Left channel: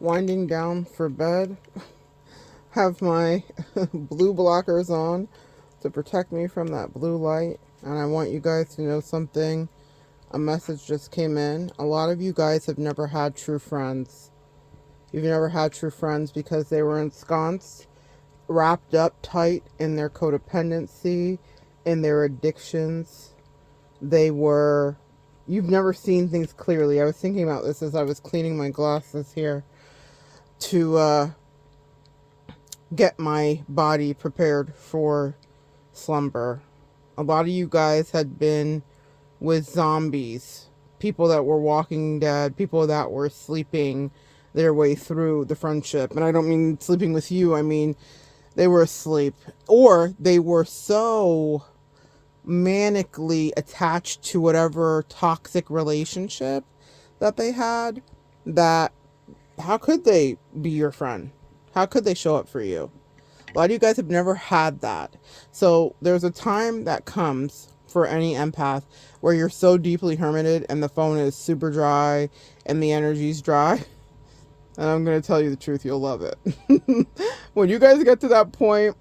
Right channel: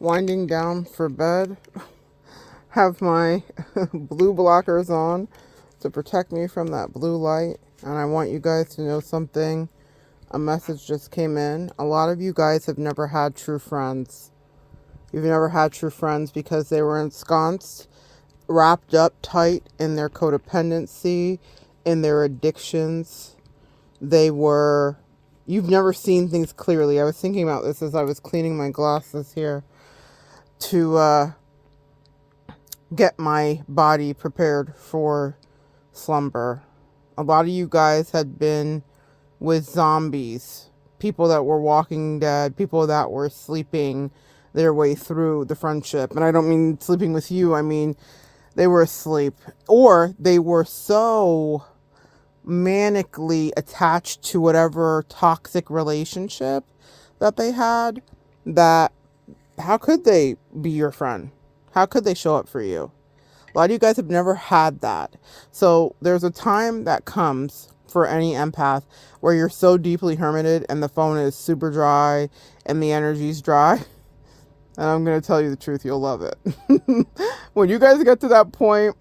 winding down for bed. Have my blue blockers on to protect me from that blue light. And I want you guys to know something. A message just came in. A lot of you guys have never had true friends. You've never had true friends because they were ensconced, wrapped up tight in their codependency, in their addictions. You've never seen things clearly. I was thinking about this as I was cleaning my glasses here to get my body prepared for slumber. A lot of you guys had been with zombies, people that were walking dead, people that were sleeping their way through the friendship. And I don't mean sleeping with you, I mean they were asleep. Or they were so manically attached to whatever toxic relationship that they had that how could they be your friend? How could they show up for you? A lot of you guys have never had that. So there's a time that comes for any empath where you're so deeply hermited and the phone is super dry and the energy's dry. And I'm going to tell you the truth, you'll love it. When you guys get to that point,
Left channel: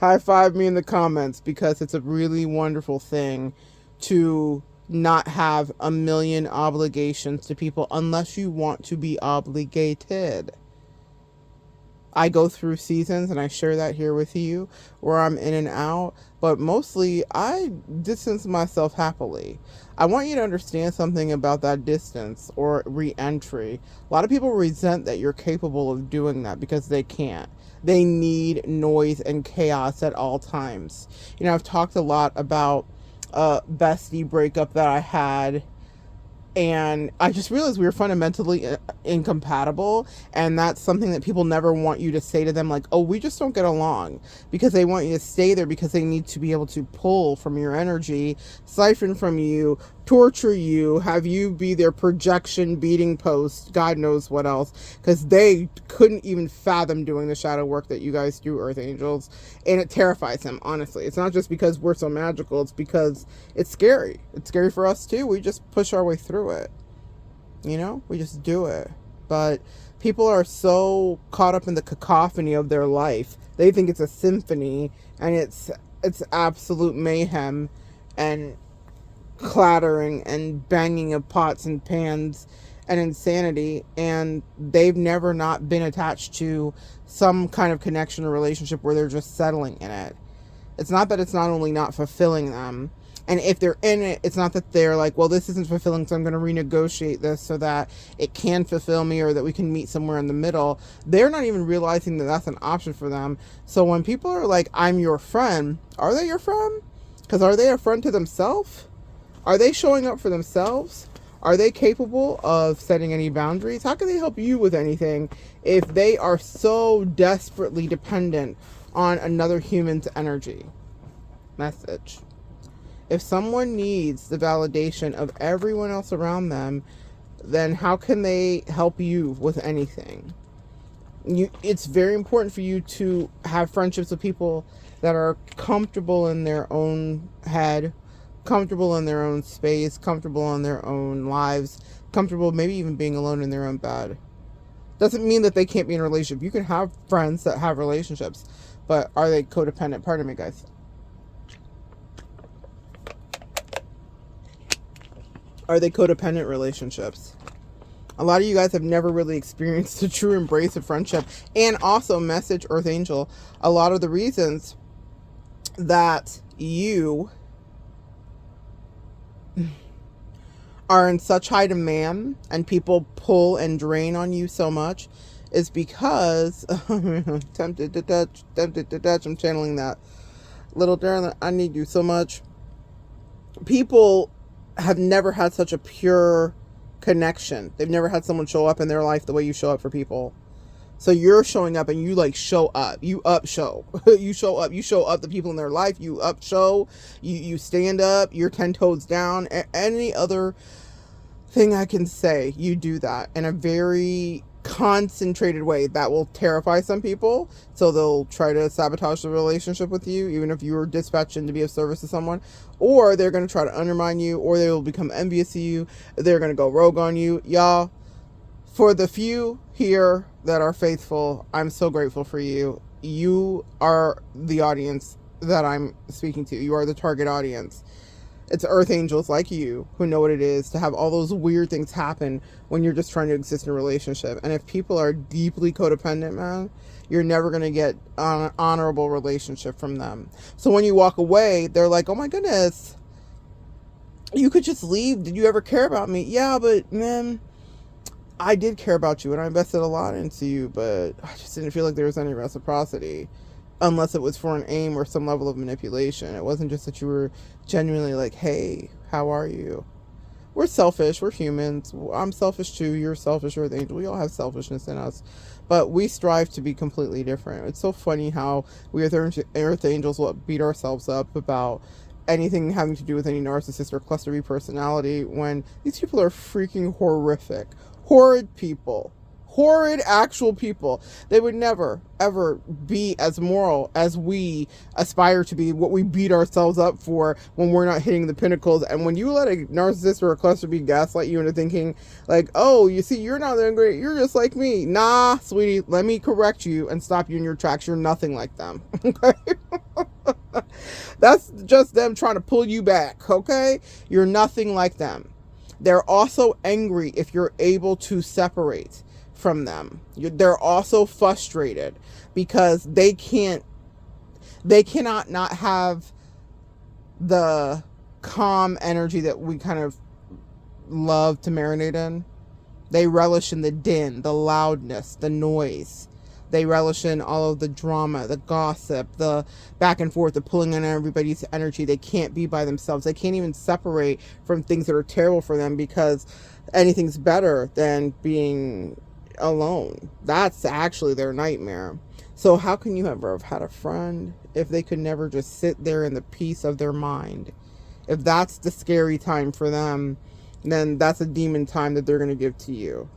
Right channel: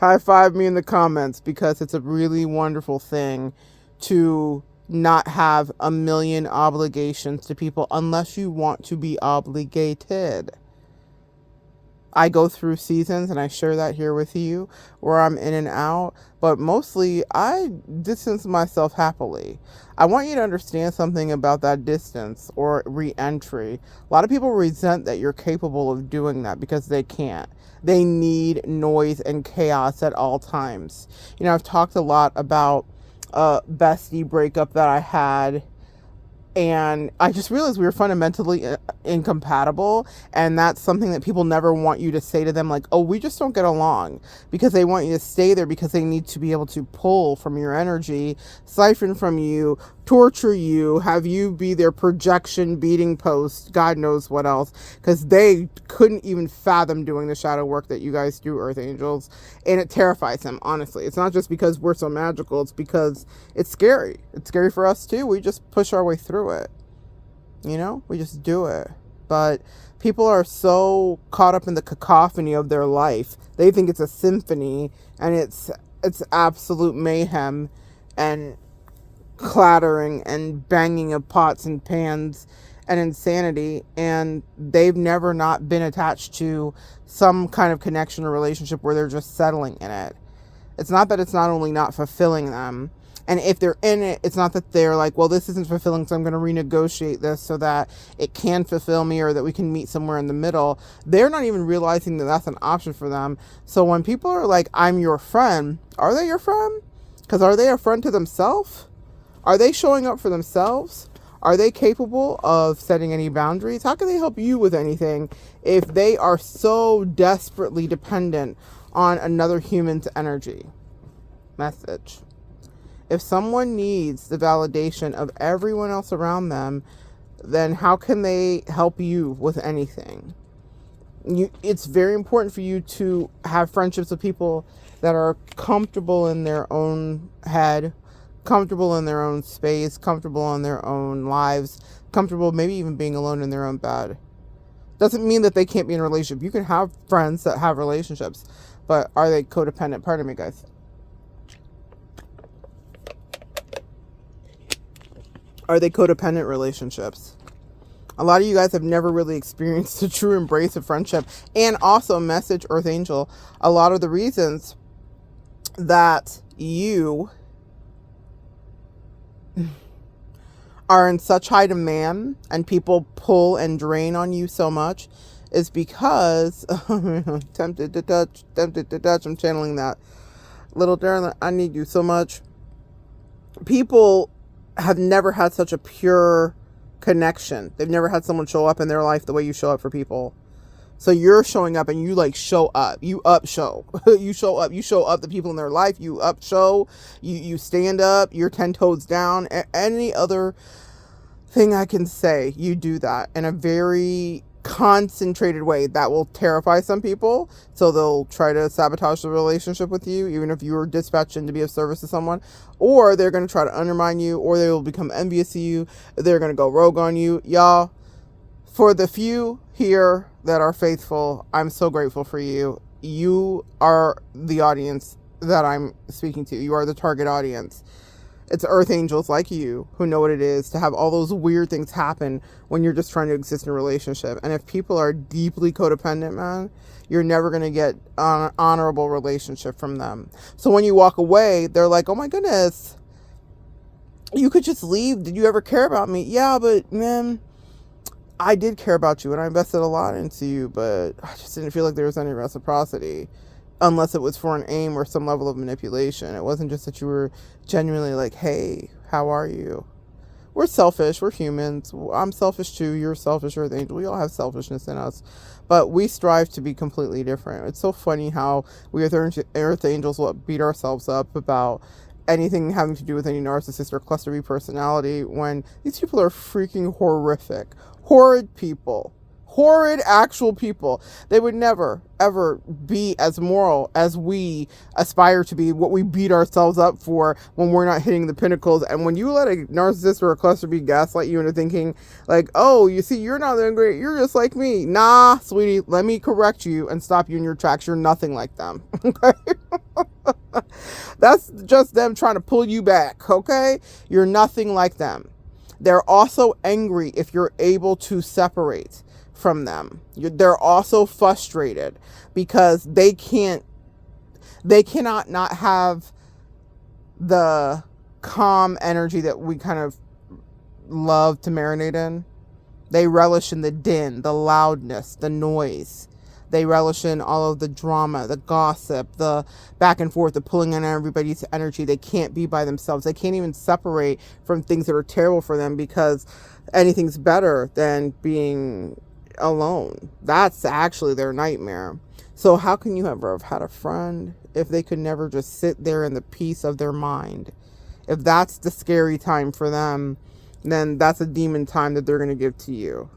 high five me in the comments because it's a really wonderful thing to not have a million obligations to people unless you want to be obligated. I go through seasons and I share that here with you where I'm in and out, but mostly I distance myself happily. I want you to understand something about that distance or re-entry. A lot of people resent that you're capable of doing that because they can't. They need noise and chaos at all times. You know, I've talked a lot about a bestie breakup that I had, and I just realized we were fundamentally incompatible, and that's something that people never want you to say to them, like, oh, we just don't get along, because they want you to stay there because they need to be able to pull from your energy, siphon from you, torture you, have you be their projection beating post, God knows what else, because they couldn't even fathom doing the shadow work that you guys do, Earth Angels, and it terrifies them, honestly. It's not just because we're so magical, it's because it's scary. It's scary for us too. We just push our way through it. You know, we just do it. But people are so caught up in the cacophony of their life. They think it's a symphony, and it's absolute mayhem and clattering and banging of pots and pans and insanity, and they've never not been attached to some kind of connection or relationship where they're just settling in it. It's not that it's not only not fulfilling them, and if they're in it, it's not that they're like, well, this isn't fulfilling, so I'm going to renegotiate this so that it can fulfill me or that we can meet somewhere in the middle. They're not even realizing that that's an option for them. So when people are like, I'm your friend, are they your friend? Because are they a friend to themselves? Are they showing up for themselves? Are they capable of setting any boundaries? How can they help you with anything if they are so desperately dependent on another human's energy? Message. If someone needs the validation of everyone else around them, then how can they help you with anything? It's very important for you to have friendships with people that are comfortable in their own head, comfortable in their own space, comfortable in their own lives, comfortable maybe even being alone in their own bed. Doesn't mean that they can't be in a relationship. You can have friends that have relationships, but are they codependent? Pardon me, guys. Are they codependent relationships? A lot of you guys have never really experienced a true embrace of friendship. And also, message, Earth Angel, a lot of the reasons that you are in such high demand and people pull and drain on you so much is because tempted to touch, I'm channeling that. Little darling, I need you so much. People have never had such a pure connection. They've never had someone show up in their life the way you show up for people. So you're showing up and you like show up. You up show. You show up. You show up the people in their life. You up show. You stand up. You're 10 toes down. Any other thing I can say, you do that in a very concentrated way that will terrify some people, so they'll try to sabotage the relationship with you, even if you were dispatched in to be of service to someone, or they're going to try to undermine you, or they will become envious of you, they're going to go rogue on you. Y'all, For the few here that are faithful, I'm so grateful for you. You are the audience that I'm speaking to. You are the target audience. It's earth angels like you who know what it is to have all those weird things happen when you're just trying to exist in a relationship. And if people are deeply codependent, man, you're never going to get an honorable relationship from them. So when you walk away, they're like, oh my goodness, you could just leave. Did you ever care about me? Yeah, but man, I did care about you and I invested a lot into you, but I just didn't feel like there was any reciprocity unless it was for an aim or some level of manipulation. It wasn't just that you were genuinely like, hey, how are you? We're selfish. We're humans. I'm selfish too. You're selfish. Earth angel. We all have selfishness in us, but we strive to be completely different. It's so funny how we as earth angels will beat ourselves up about anything having to do with any narcissist or cluster B personality when these people are freaking horrific, horrid people. Horrid actual people. They would never, ever be as moral as we aspire to be, what we beat ourselves up for when we're not hitting the pinnacles. And when you let a narcissist or a cluster B gaslight you into thinking, like, oh, you see, you're not doing great, you're just like me. Nah, sweetie, let me correct you and stop you in your tracks. You're nothing like them. Okay? That's just them trying to pull you back, okay? You're nothing like them. They're also angry if you're able to separate from them. They're also frustrated because they cannot not have the calm energy that we kind of love to marinate in. They relish in the din, the loudness, the noise. They relish in all of the drama, the gossip, the back and forth, the pulling in everybody's energy. They can't be by themselves. They can't even separate from things that are terrible for them because anything's better than being alone. That's actually their nightmare. So how can you ever have had a friend if they could never just sit there in the peace of their mind? If that's the scary time for them, then that's a demon time that they're going to give to you.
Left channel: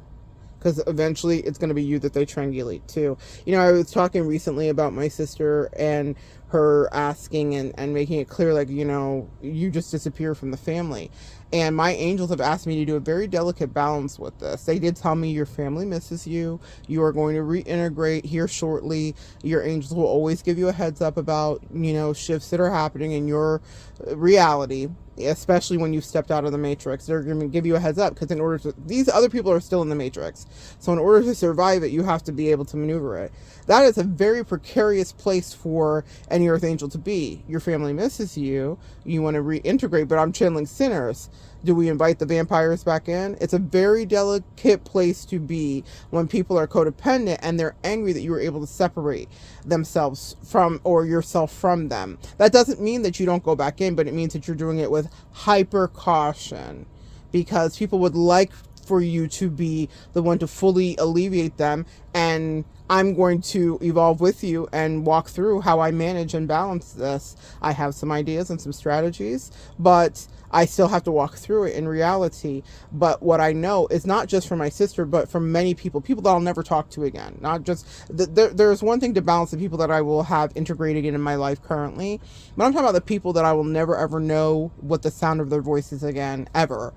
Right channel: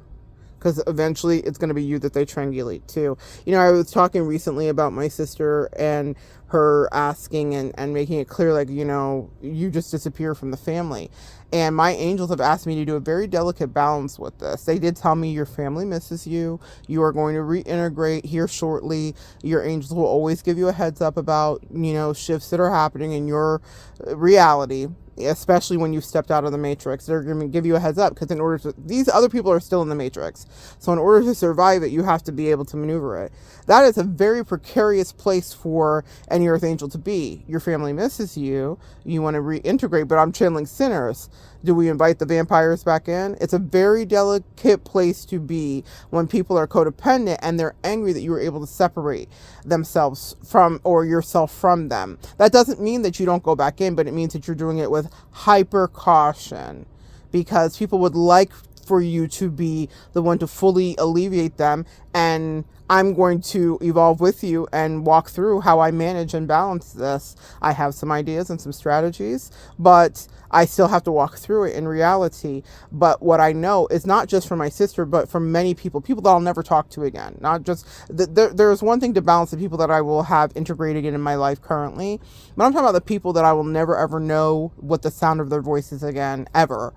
Because eventually it's going to be you that they triangulate to. You know, I was talking recently about my sister and her asking and making it clear, like, you know, you just disappear from the family. And my angels have asked me to do a very delicate balance with this. They did tell me your family misses you. You are going to reintegrate here shortly. Your angels will always give you a heads up about, you know, shifts that are happening in your reality, especially when you've stepped out of the matrix. They're going to give you a heads up because in order to, these other people are still in the matrix. So in order to survive it, you have to be able to maneuver it. That is a very precarious place for any earth angel to be. Your family misses you. You want to reintegrate, but I'm channeling sinners. Do we invite the vampires back in? It's a very delicate place to be when people are codependent and they're angry that you were able to separate themselves from, or yourself from them. That doesn't mean that you don't go back in, but it means that you're doing it with hyper caution because people would like for you to be the one to fully alleviate them, and I'm going to evolve with you and walk through how I manage and balance this. I have some ideas and some strategies, but I still have to walk through it in reality. But what I know is not just for my sister, but for many people that I'll never talk to again. Not just, there's one thing to balance the people that I will have integrated in my life currently, but I'm talking about the people that I will never ever know what the sound of their voices again, ever.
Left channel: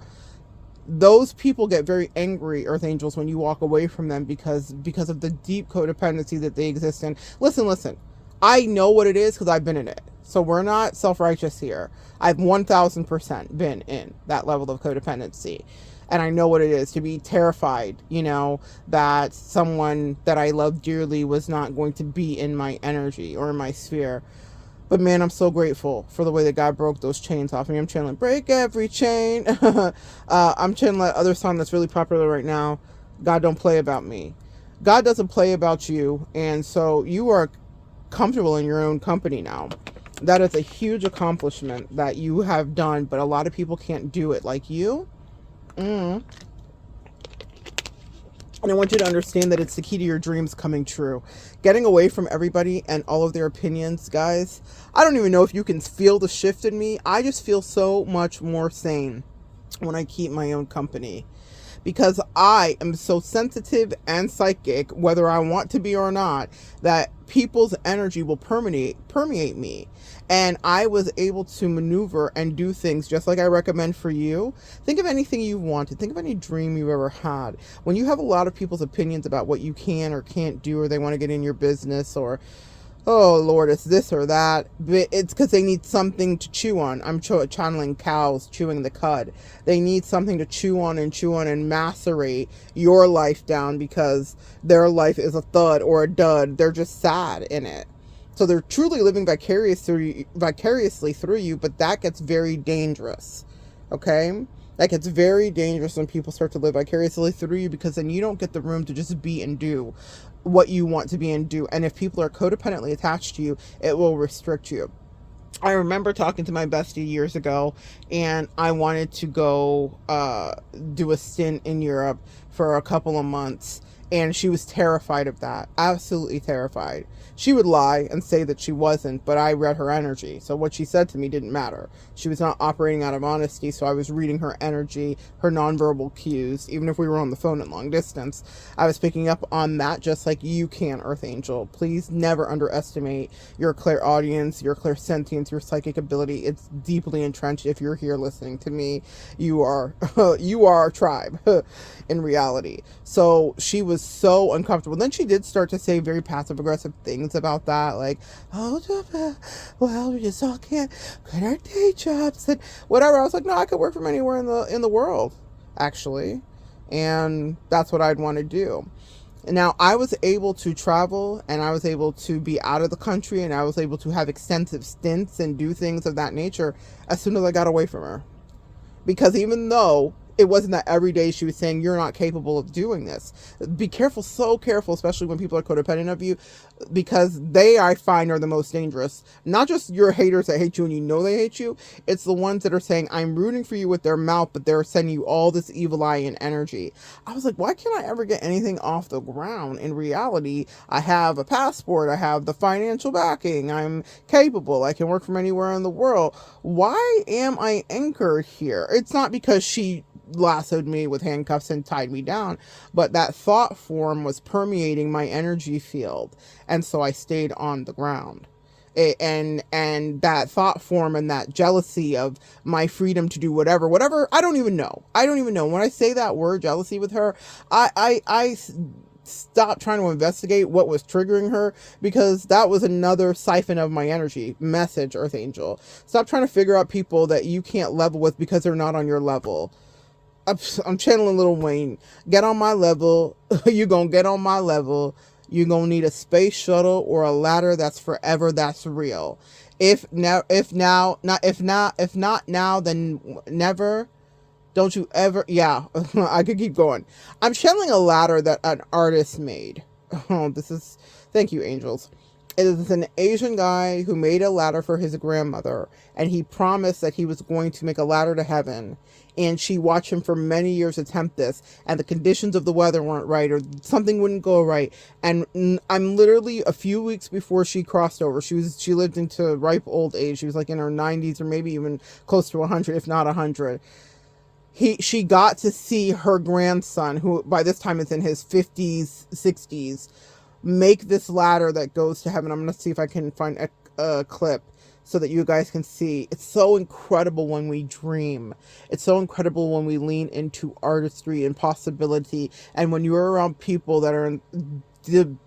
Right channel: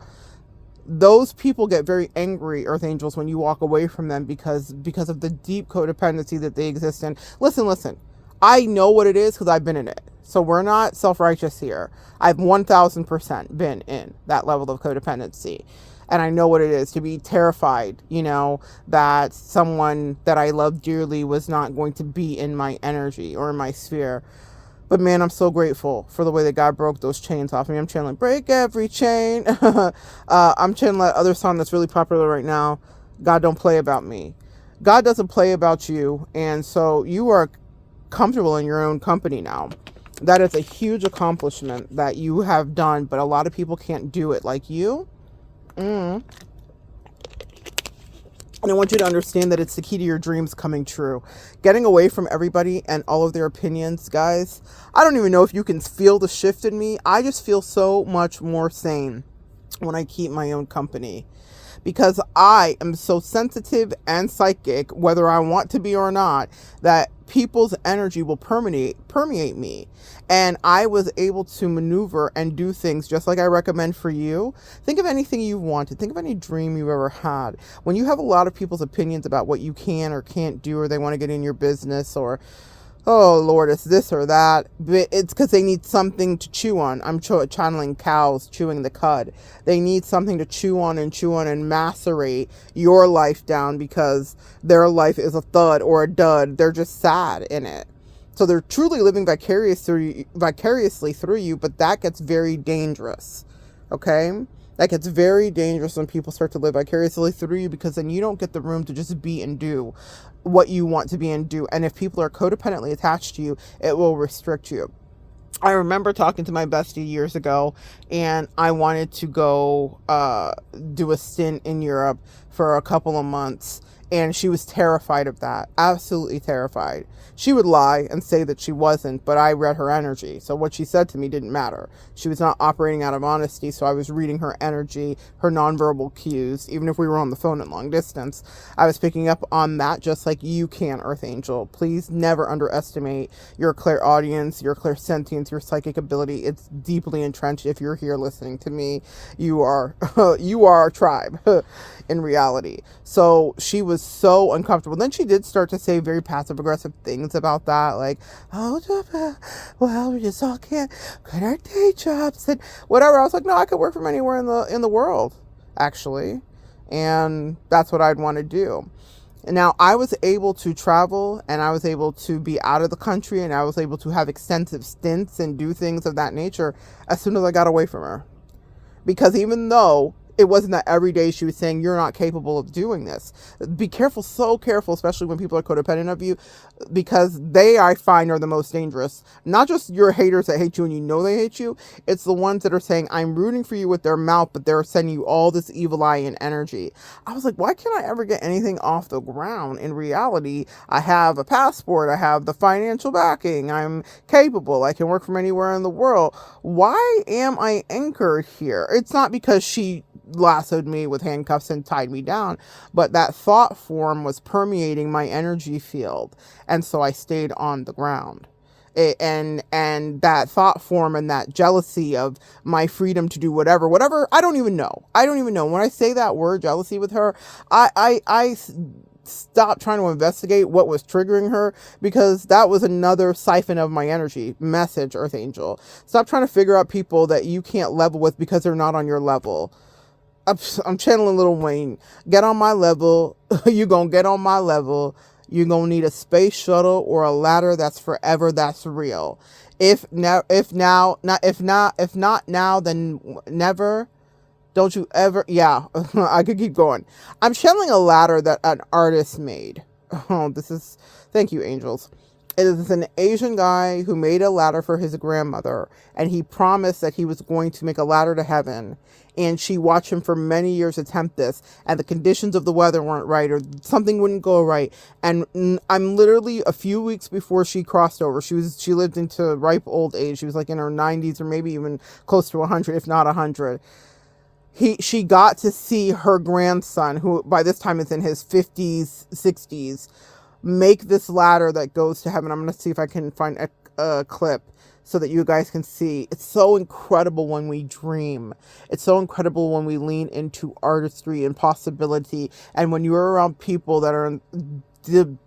Those people get very angry, earth angels, when you walk away from them because of the deep codependency that they exist in. Listen, I know what it is because I've been in it. So we're not self-righteous here. I've 1000% been in that level of codependency. And I know what it is to be terrified, you know, that someone that I love dearly was not going to be in my energy or in my sphere. But man, I'm so grateful for the way that God broke those chains off me. I'm channeling break every chain. I'm channeling that other song that's really popular right now, God Don't Play About Me. God doesn't play about you, and so you are comfortable in your own company now. That is a huge accomplishment that you have done, but a lot of people can't do it like you. And I want you to understand that it's the key to your dreams coming true. Getting away from everybody and all of their opinions, guys. I don't even know if you can feel the shift in me. I just feel so much more sane when I keep my own company. Because I am so sensitive and psychic, whether I want to be or not, that people's energy will permeate me. And I was able to maneuver and do things just like I recommend for you. Think of anything you wanted. Think of any dream you've ever had. When you have a lot of people's opinions about what you can or can't do, or they want to get in your business, or oh Lord, it's this or that, but it's because they need something to chew on. I'm channeling cows chewing the cud. They need something to chew on and macerate your life down, because their life is a thud or a dud. They're just sad in it. So they're truly living vicariously through you, but that gets very dangerous. Okay? That gets very dangerous when people start to live vicariously through you, because then you don't get the room to just be and do what you want to be and do. And if people are codependently attached to you, it will restrict you. I remember talking to my bestie years ago, and I wanted to go do a stint in Europe for a couple of months, and she was terrified of that. Absolutely terrified. She would lie and say that she wasn't, but I read her energy. So what she said to me didn't matter. She was not operating out of honesty, so I was reading her energy, her nonverbal cues. Even if we were on the phone at long distance, I was picking up on that, just like you can, Earth Angel. Please never underestimate your clairaudience, your clairsentience, your psychic ability. It's deeply entrenched. If you're here listening to me, you are you are our tribe in reality. So she was so uncomfortable. Then she did start to say very passive aggressive things about that, like, oh well, we just all can't quit our day jobs and whatever. I was like, no, I could work from anywhere in the world, actually, and that's what I'd want to do. And now I was able to travel, and I was able to be out of the country, and I was able to have extensive stints and do things of that nature as soon as I got away from her. Because even though it wasn't that every day she was saying, you're not capable of doing this. Be careful, so careful, especially when people are codependent of you, because they, I find, are the most dangerous. Not just your haters that hate you and you know they hate you. It's the ones that are saying, I'm rooting for you with their mouth, but they're sending you all this evil eye and energy. I was like, why can't I ever get anything off the ground? In reality, I have a passport. I have the financial backing. I'm capable. I can work from anywhere in the world. Why am I anchored here? It's not because she lassoed me with handcuffs and tied me down, but that thought form was permeating my energy field, and so I stayed on the ground. And that thought form and that jealousy of my freedom to do whatever, I don't even know. When I say that word jealousy with her, I stopped trying to investigate what was triggering her, because that was another siphon of my energy. Message, Earth Angel. Stop trying to figure out people that you can't level with because they're not on your level. I'm channeling Lil Wayne. Get on my level. You gonna get on my level. You're gonna need a space shuttle or a ladder that's forever, that's real. If not now, then never. Don't you ever, yeah, I could keep going. I'm channeling a ladder that an artist made. Oh, thank you, angels. It is an Asian guy who made a ladder for his grandmother, and he promised that he was going to make a ladder to heaven. And she watched him for many years attempt this, and the conditions of the weather weren't right, or something wouldn't go right. And I'm literally a few weeks before she crossed over. She lived into ripe old age. She was like in her 90s, or maybe even close to 100, if not 100. She got to see her grandson, who by this time is in his 50s, 60s, make this ladder that goes to heaven. I'm going to see if I can find a clip so that you guys can see. It's so incredible when we dream. It's so incredible when we lean into artistry and possibility. And when you're around people that are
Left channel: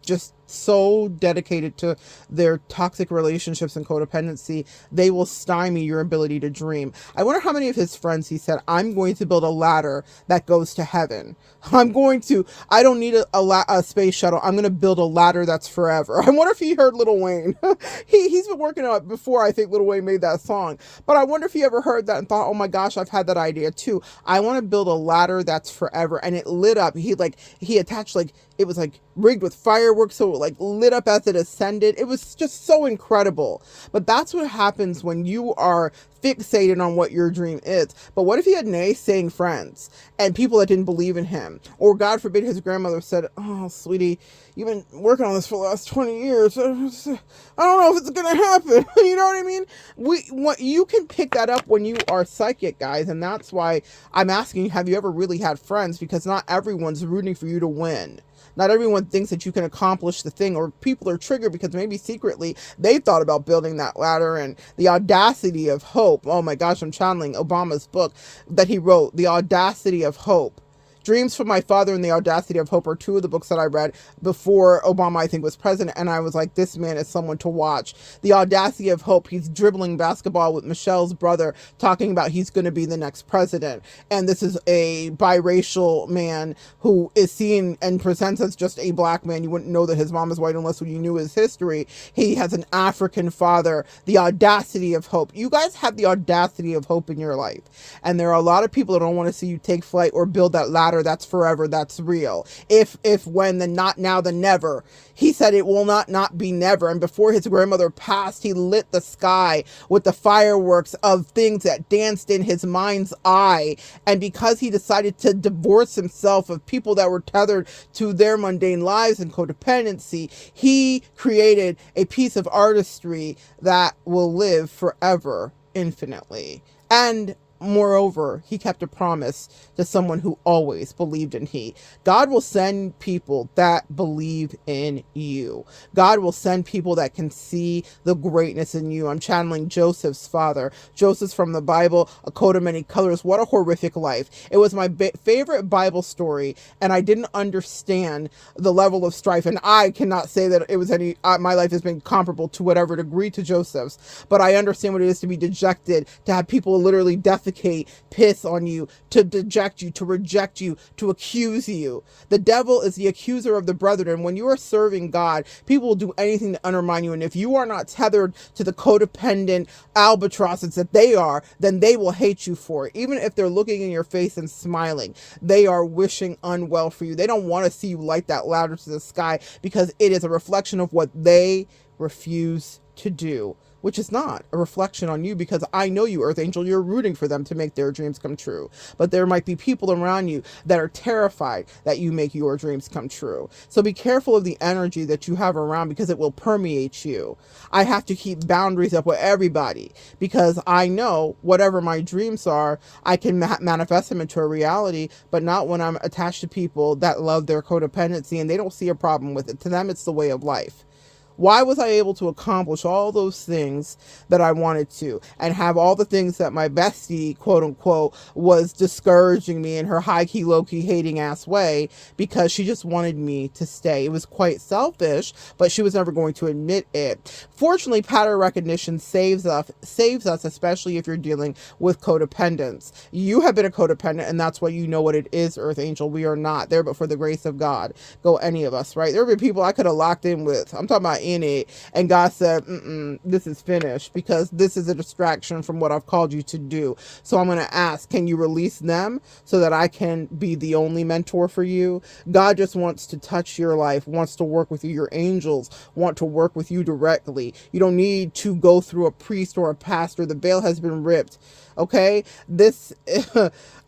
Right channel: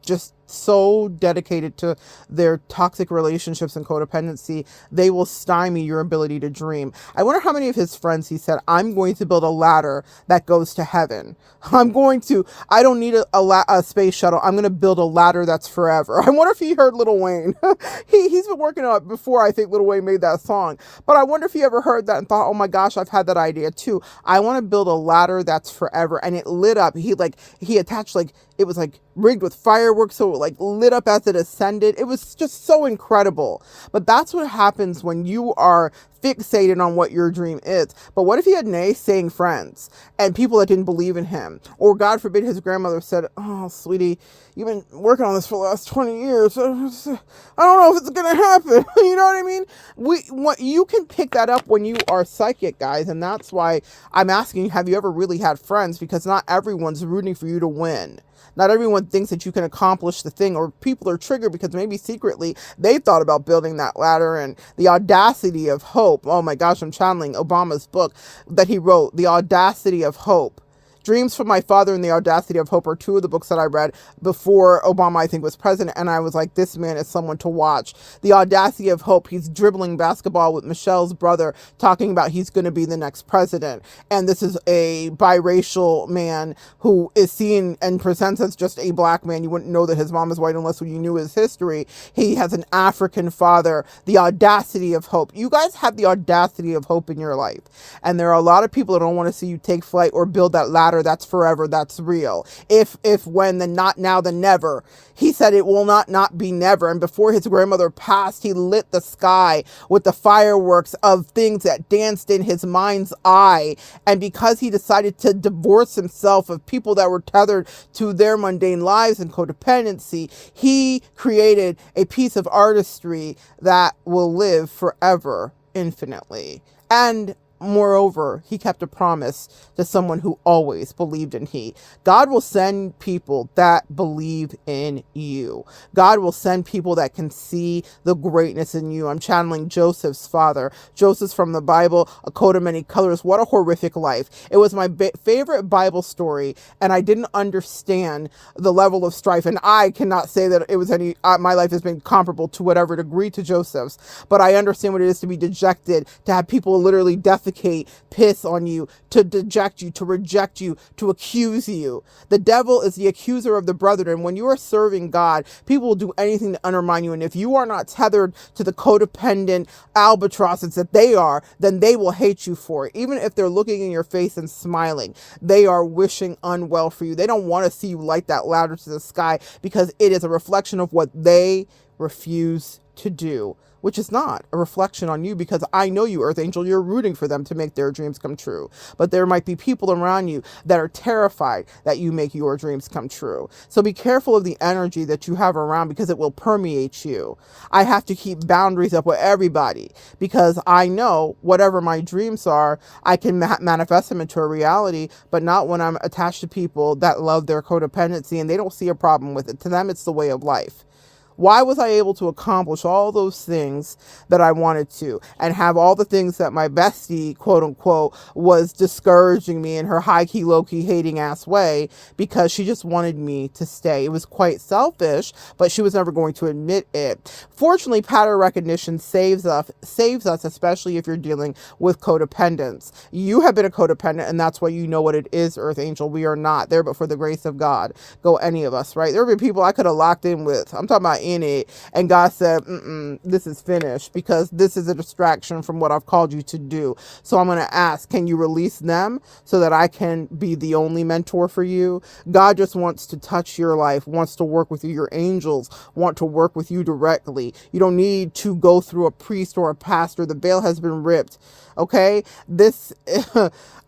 just so dedicated to their toxic relationships and codependency, they will stymie your ability to dream. I wonder how many of his friends he said, I'm going to build a ladder that goes to heaven. I don't need a space shuttle. I'm going to build a ladder that's forever. I wonder if he heard Lil Wayne. He's been working on it before I think Lil Wayne made that song. But I wonder if he ever heard that and thought, oh my gosh, I've had that idea too. I want to build a ladder that's forever. And it lit up. He attached, it was rigged with fireworks, so it lit up as it ascended. It was just so incredible. But that's what happens when you are fixated on what your dream is. But what if he had naysaying friends and people that didn't believe in him? Or God forbid his grandmother said, oh, sweetie, you've been working on this for the last 20 years. I don't know if it's going to happen. You know what I mean? You can pick that up when you are psychic, guys. And that's why I'm asking, have you ever really had friends? Because not everyone's rooting for you to win. Not everyone thinks that you can accomplish the thing, or people are triggered because maybe secretly they thought about building that ladder. And the audacity of hope. Oh my gosh, I'm channeling Obama's book that he wrote, The Audacity of Hope. Dreams from My Father and The Audacity of Hope are two of the books that I read before Obama, I think, was president. And I was like, this man is someone to watch. The Audacity of Hope. He's dribbling basketball with Michelle's brother, talking about he's going to be the next president. And this is a biracial man who is seen and presents as just a black man. You wouldn't know that his mom is white unless you knew his history. He has an African father. The audacity of hope. You guys have the audacity of hope in your life. And there are a lot of people that don't want to see you take flight or build that ladder that's forever, that's real. If, when, then not now, then never. He said it will not be never. And before his grandmother passed, he lit the sky with the fireworks of things that danced in his mind's eye. And because he decided to divorce himself of people that were tethered to their mundane lives and codependency, he created a piece of artistry that will live forever, infinitely. And moreover, he kept a promise to someone who always believed in he. God will send people that believe in you. God will send people that can see the greatness in you. I'm channeling Joseph's father. Joseph's from the Bible, a coat of many colors. What a horrific life. It was my favorite Bible story, and I didn't understand the level of strife. And I cannot say that it was any, my life has been comparable to whatever degree to Joseph's, but I understand what it is to be dejected, to have people literally defecate, piss on you, to deject you, to reject you, to accuse you. The devil is the accuser of the brethren. When you are serving God, people will do anything to undermine you. And if you are not tethered to the codependent albatrosses that they are, then they will hate you for it. Even if they're looking in your face and smiling, they are wishing unwell for you. They don't want to see you light that ladder to the sky, because it is a reflection of what they refuse to do, which is not a reflection on you, because I know you, Earth Angel, you're rooting for them to make their dreams come true. But there might be people around you that are terrified that you make your dreams come true. So be careful of the energy that you have around, because it will permeate you. I have to keep boundaries up with everybody, because I know whatever my dreams are, I can manifest them into a reality, but not when I'm attached to people that love their codependency and they don't see a problem with it. To them, it's the way of life. Why was I able to accomplish all those things that I wanted to, and have all the things that my bestie, quote unquote, was discouraging me in her high key, low key, hating ass way, because she just wanted me to stay? It was quite selfish, but she was never going to admit it. Fortunately, pattern recognition saves us, especially if you're dealing with codependence. You have been a codependent, and that's why you know what it is, Earth Angel. We are not there, but for the grace of God, go any of us, right? There have been people I could have locked in with. I'm talking about in it, and God said, this is finished, because this is a distraction from what I've called you to do. So I'm going to ask, can you release them so that I can be the only mentor for you? God just wants to touch your life, wants to work with you. Your angels want to work with you directly. You don't need to go through a priest or a pastor. The veil has been ripped. Okay, this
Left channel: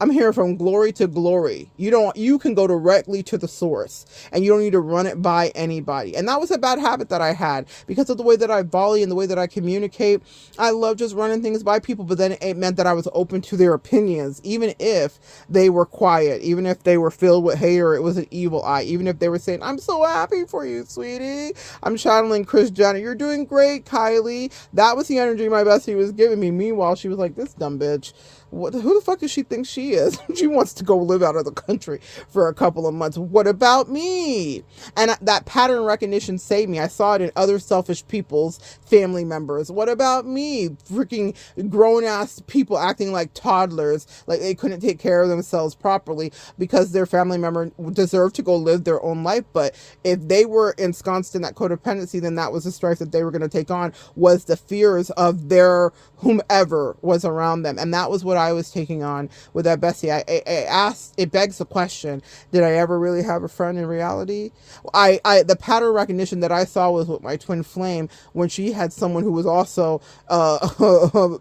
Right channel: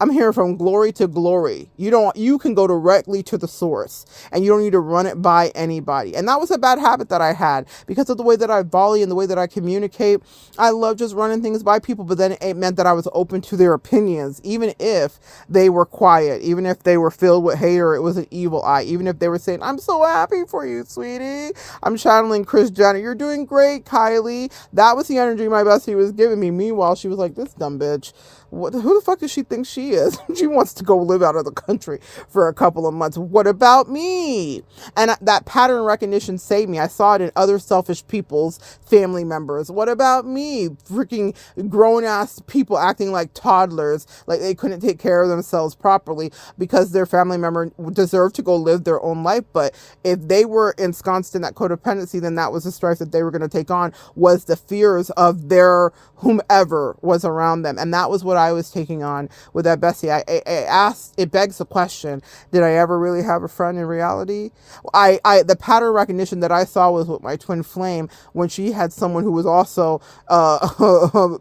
I'm hearing from glory to glory. You can go directly to the source, and you don't need to run it by anybody. And that was a bad habit that I had, because of the way that I volley and the way that I communicate. I love just running things by people, but then it meant that I was open to their opinions, even if they were quiet, even if they were filled with hate, or it was an evil eye, even if they were saying, I'm so happy for you, sweetie. I'm channeling Chris Jenner. You're doing great, Kylie. That was the energy my bestie was giving me. Meanwhile, she was like, this dumb bitch. Who the fuck does she think she is? She wants to go live out of the country for a couple of months. What about me? And that pattern recognition saved me. I saw it in other selfish people's family members. What about me? Freaking grown-ass people acting like toddlers, like they couldn't take care of themselves properly because their family member deserved to go live their own life. But if they were ensconced in that codependency, then that was the strife that they were going to take on, was the fears of their whomever was around them. And that was what I was taking on with that bestie. I asked, it begs the question, did I ever really have a friend in reality? The pattern recognition that I saw was with my twin flame, when she had someone who was also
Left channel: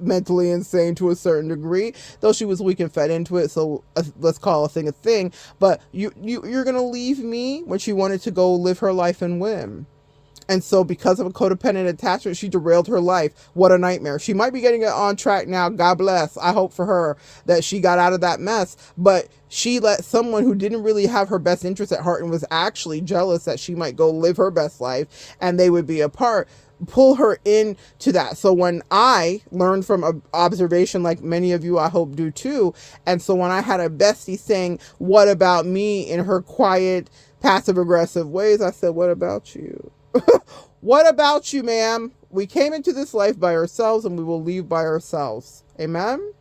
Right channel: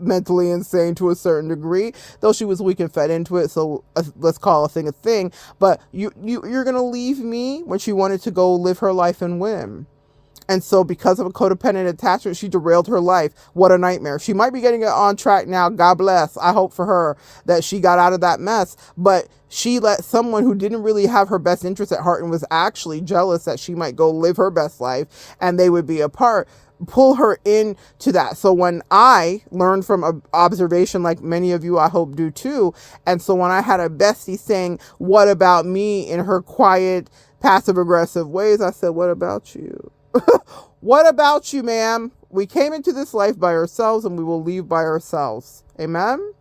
mentally insane to a certain degree, though she was weak and fed into it. So let's call a thing. But you're going to leave me when she wanted to go live her life and win. And so, because of a codependent attachment, she derailed her life. What a nightmare. She might be getting it on track now. God bless. I hope for her that she got out of that mess. But she let someone who didn't really have her best interest at heart and was actually jealous that she might go live her best life and they would be apart, pull her into that. So when I learned from observation, like many of you I hope do too, and so when I had a bestie saying, what about me, in her quiet, passive aggressive ways, I said, what about you? What about you, ma'am? We came into this life by ourselves and we will leave by ourselves. Amen?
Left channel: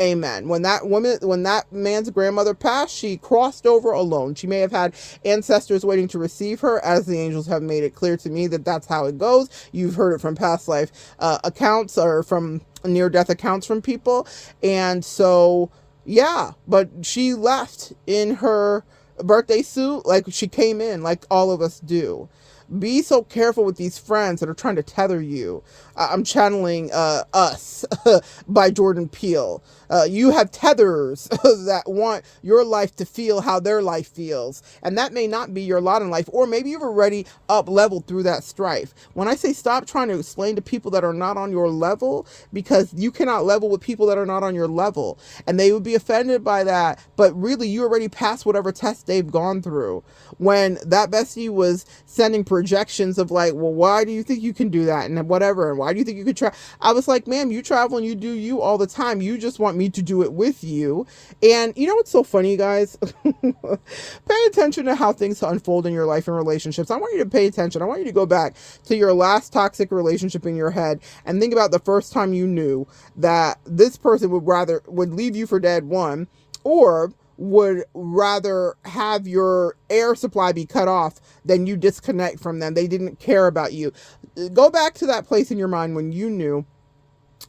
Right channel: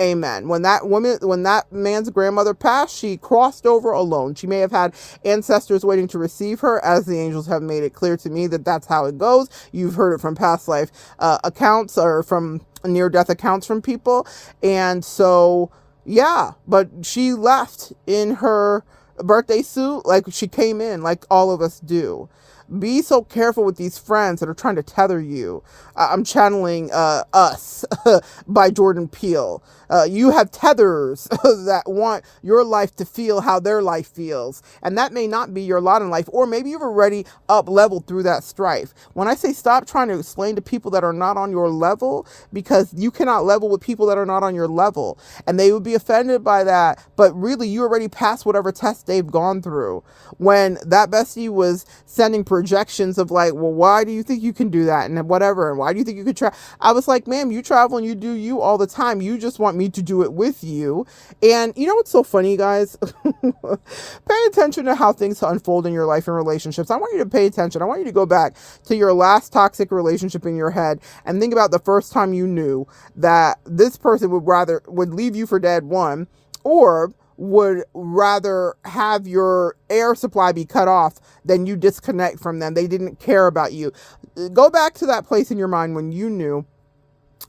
Amen. When that man's grandmother passed, she crossed over alone. She may have had ancestors waiting to receive her, as the angels have made it clear to me that that's how it goes. You've heard it from past life accounts, or from near-death accounts from people. And so, yeah, but she left in her birthday suit like she came in, like all of us do. Be so careful with these friends that are trying to tether you. I'm channeling Us by Jordan Peele. You have tethers that want your life to feel how their life feels. And that may not be your lot in life, or maybe you've already up leveled through that strife. When I say stop trying to explain to people that are not on your level, because you cannot level with people that are not on your level. And they would be offended by that. But really, you already passed whatever test they've gone through. When that bestie was sending projections of like, well, why do you think you can do that? And whatever. And why do you think you could try? I was like, ma'am, you travel and you do you all the time. You just want me to do it with you. And you know what's so funny, guys? Pay attention to how things unfold in your life and relationships. I want you to pay attention. I want you to go back to your last toxic relationship in your head and think about the first time you knew that this person would leave you for dead, one, or would rather have your air supply be cut off than you disconnect from them. They didn't care about you. Go back to that place in your mind when you knew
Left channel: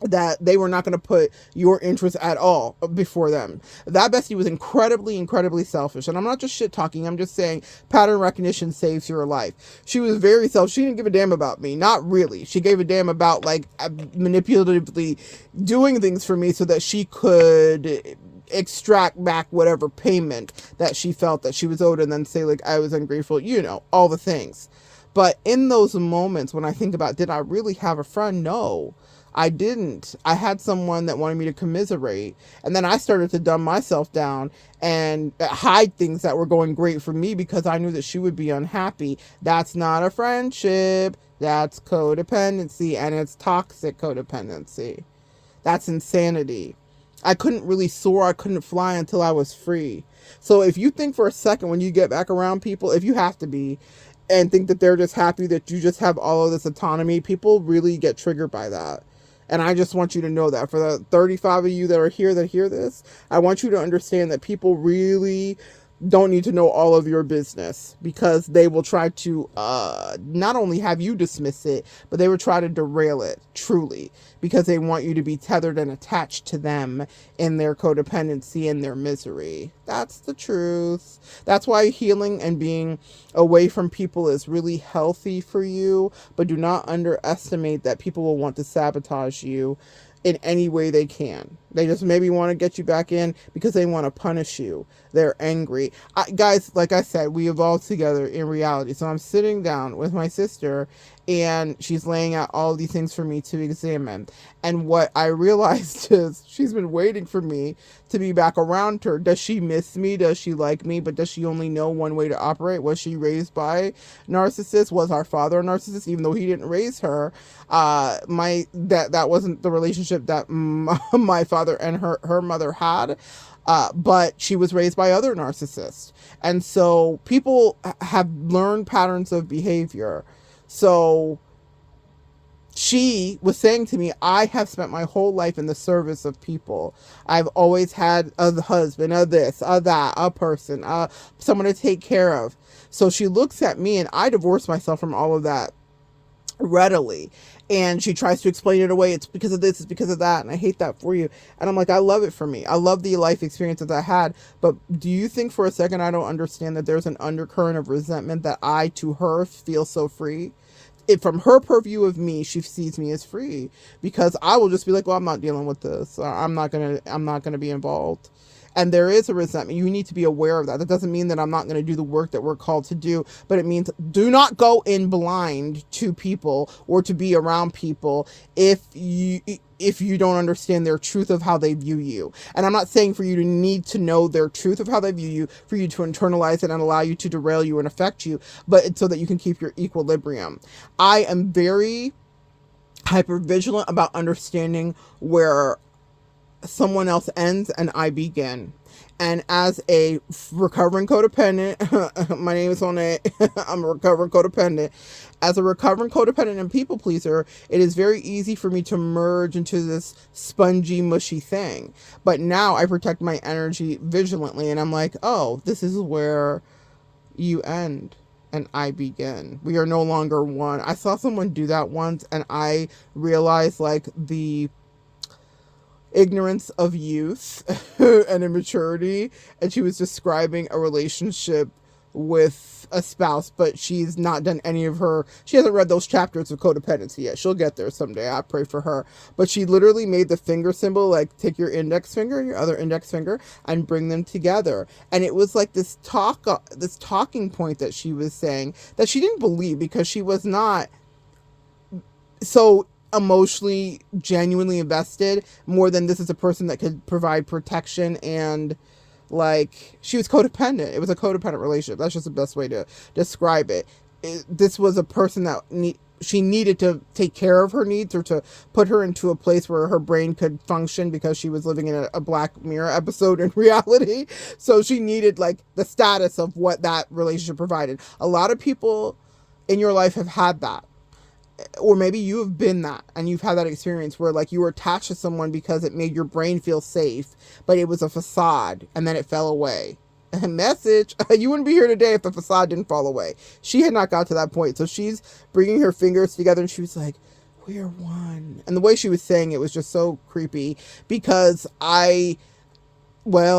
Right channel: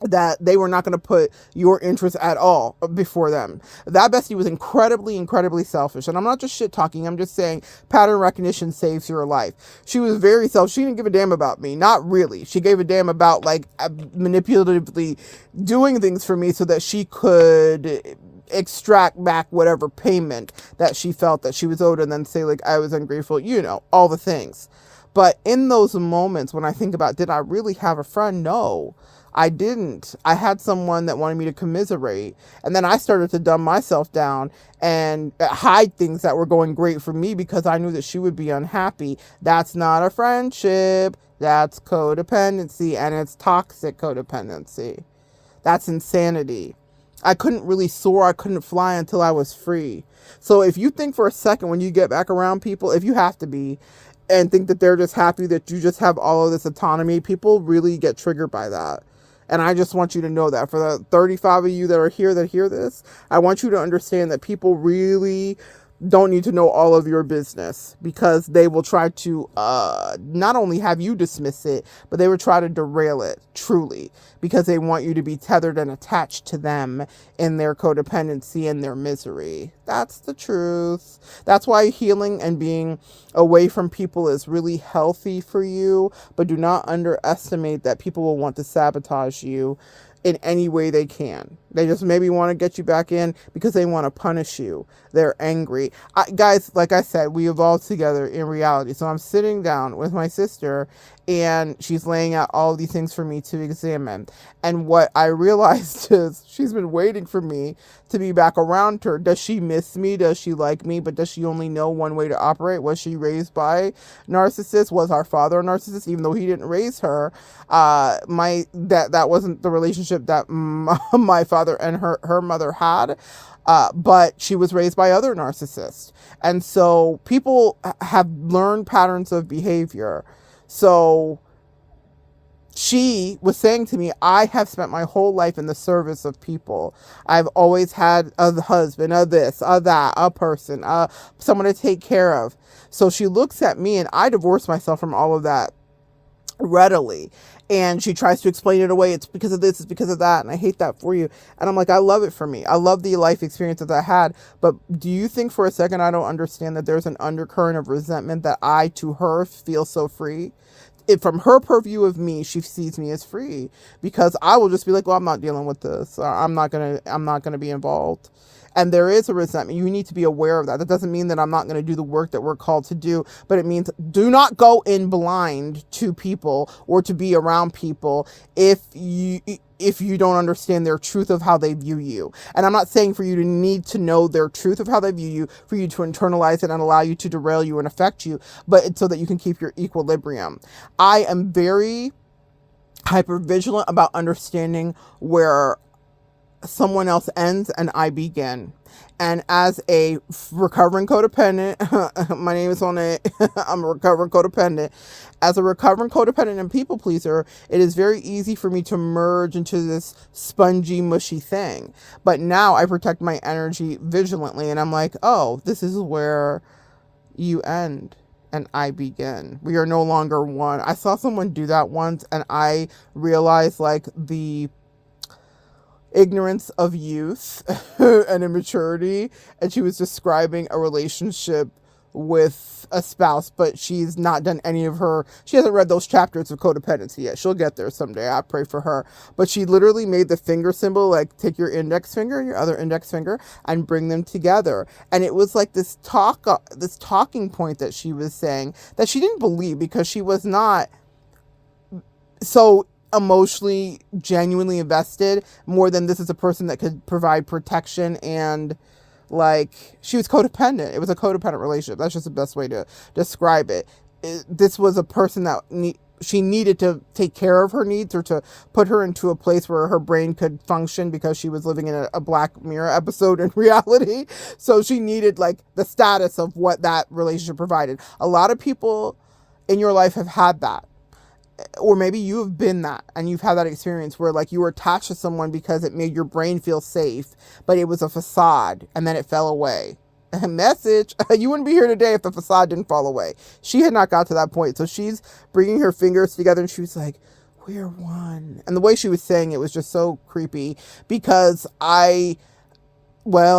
that they were not going to put your interests at all before them. That bestie was incredibly, incredibly selfish. And I'm not just shit talking. I'm just saying pattern recognition saves your life. She was very selfish. She didn't give a damn about me. Not really. She gave a damn about like manipulatively doing things for me so that she could extract back whatever payment that she felt that she was owed, and then say like I was ungrateful, all the things. But in those moments when I think about, did I really have a friend? No, I didn't. I had someone that wanted me to commiserate, and then I started to dumb myself down and hide things that were going great for me because I knew that she would be unhappy. That's not a friendship. That's codependency, and it's toxic codependency. That's insanity. I couldn't really soar. I couldn't fly until I was free. So if you think for a second when you get back around people, if you have to be, and think that they're just happy that you just have all of this autonomy, people really get triggered by that. And I just want you to know that for the 35 of you that are here that hear this, I want you to understand that people really don't need to know all of your business, because they will try to not only have you dismiss it, but they will try to derail it, truly, because they want you to be tethered and attached to them in their codependency and their misery. That's the truth. That's why healing and being away from people is really healthy for you, but do not underestimate that people will want to sabotage you in any way they can. They just maybe want to get you back in because they want to punish you. They're angry. Guys, like I said, we evolved together in reality. So I'm sitting down with my sister and she's laying out all these things for me to examine. And what I realized is she's been waiting for me to be back around her. Does she miss me? Does she like me? But does she only know one way to operate? Was she raised by narcissists? Was our father a narcissist, even though he didn't raise her? That wasn't the relationship that my father and her mother had. But she was raised by other narcissists. And so people have learned patterns of behavior. So she was saying to me, I have spent my whole life in the service of people. I've always had a husband, a this, a that, a person, someone to take care of. So she looks at me, and I divorced myself from all of that readily. And she tries to explain it away. It's because of this, it's because of that, and I hate that for you. And I'm like, I love it for me. I love the life experience that I had. But do you think for a second I don't understand that there's an undercurrent of resentment that I, to her, feel so free? From her purview of me, she sees me as free, because I will just be like, well, I'm not dealing with this. I'm not gonna be involved. And there is a resentment. You need to be aware of that. That doesn't mean that I'm not going to do the work that we're called to do, but it means do not go in blind to people or to be around people if you don't understand their truth of how they view you. And I'm not saying for you to need to know their truth of how they view you, for you to internalize it and allow you to derail you and affect you, but so that you can keep your equilibrium. I am very hyper vigilant about understanding where someone else ends and I begin. And as a recovering codependent, my name is Monette, I'm a recovering codependent. As a recovering codependent and people pleaser, it is very easy for me to merge into this spongy, mushy thing. But now I protect my energy vigilantly, and I'm like, oh, this is where you end and I begin. We are no longer one. I saw someone do that once, and I realized like the ignorance of youth and immaturity, and she was describing a relationship with a spouse, but she's not done she hasn't read those chapters of codependency yet. She'll get there someday. I pray for her. But she literally made the finger symbol, like take your index finger and your other index finger and bring them together. And it was like this talking point that she was saying that she didn't believe, because she was not so emotionally genuinely invested, more than this is a person that could provide protection, and like she was codependent. It was a codependent relationship. That's just the best way to describe it. This was a person that she needed to take care of her needs, or to put her into a place where her brain could function, because she was living in a Black Mirror episode in reality. So she needed like the status of what that relationship provided. A lot of people in your life have had that, or maybe you have been that, and you've had that experience where like you were attached to someone because it made your brain feel safe, but it was a facade, and then it fell away. Message, you wouldn't be here today if the facade didn't fall away. She had not got to that point. So she's bringing her fingers together, and she was like, we're one. And the way she was saying it was just so creepy, because I don't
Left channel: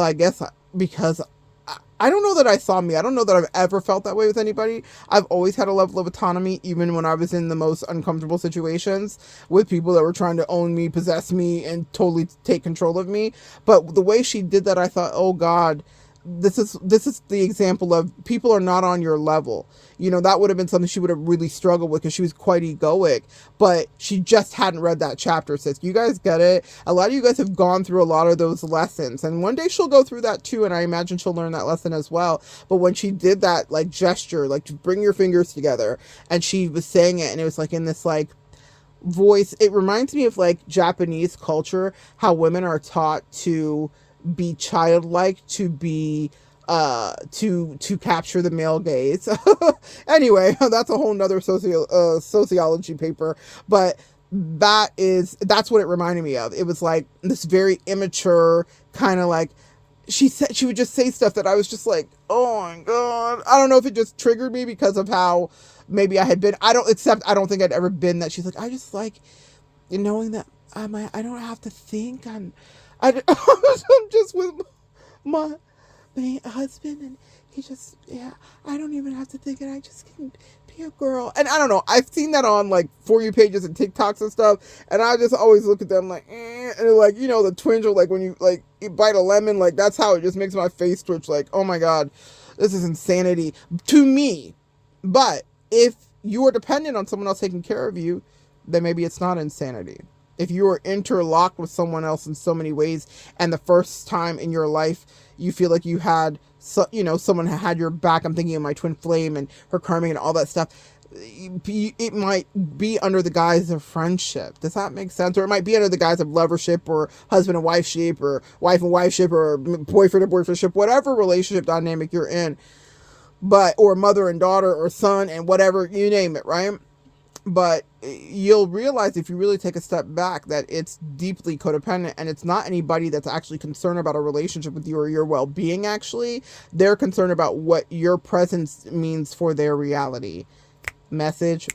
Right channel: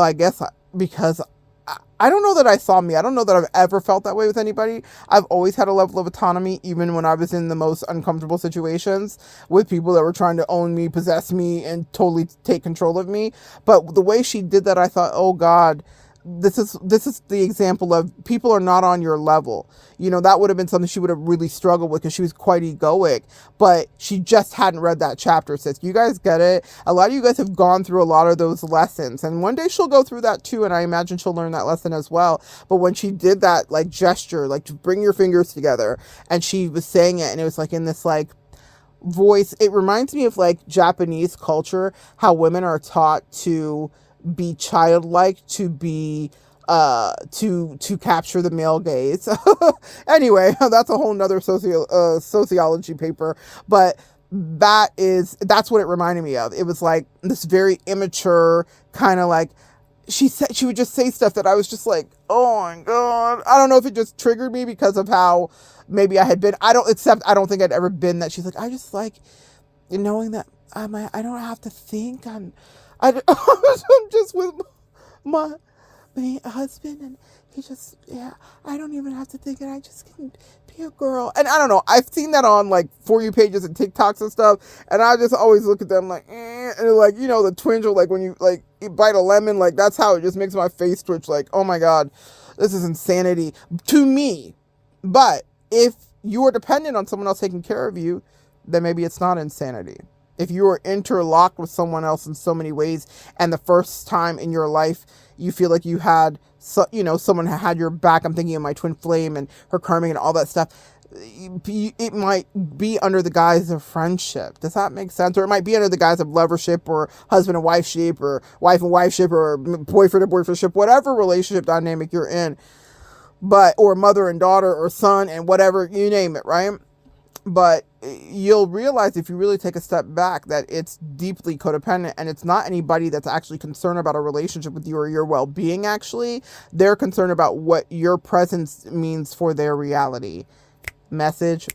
know that I saw me. I don't know that I've ever felt that way with anybody. I've always had a level of autonomy, even when I was in the most uncomfortable situations with people that were trying to own me, possess me, and totally take control of me. But the way she did that, I thought, oh God, this is the example of people are not on your level. You know, that would have been something she would have really struggled with, because she was quite egoic, but she just hadn't read that chapter. Sis, you guys get it? A lot of you guys have gone through a lot of those lessons, and one day she'll go through that too, and I imagine she'll learn that lesson as well. But when she did that like gesture, like to bring your fingers together, and she was saying it, and it was like in this like voice, it reminds me of like Japanese culture, how women are taught to be childlike, to be to capture the male gaze. Anyway, that's a whole nother sociology paper, but that's what it reminded me of. It was like this very immature kind of like, she would just say stuff that I was just like, oh my God. I don't know if it just triggered me because of how maybe I had been. I don't think I'd ever been that. She's like, I just like knowing that I don't have to think. I'm just with my husband, and he just, yeah, I don't even have to think, and I just can be a girl. And I don't know, I've seen that on like For You pages and TikToks and stuff, and I just always look at them like, and like, you know, the twinge of like when you like you bite a lemon, like that's how it just makes my face twitch, like, oh my God, this is insanity to me. But if you are dependent on someone else taking care of you, then maybe it's not insanity. If you are interlocked with someone else in so many ways, and the first time in your life you feel like you had, someone had your back. I'm thinking of my twin flame and her karming and all that stuff. It might be under the guise of friendship. Does that make sense? Or it might be under the guise of lovership, or husband and wifeship, or wife and wifeship, or boyfriend and boyfriendship, whatever relationship dynamic you're in. Or mother and daughter, or son and whatever, you name it, right? But you'll realize, if you really take a step back, that it's deeply codependent, and it's not anybody that's actually concerned about a relationship with you or your well-being. Actually, they're concerned about what your presence means for their reality. Message.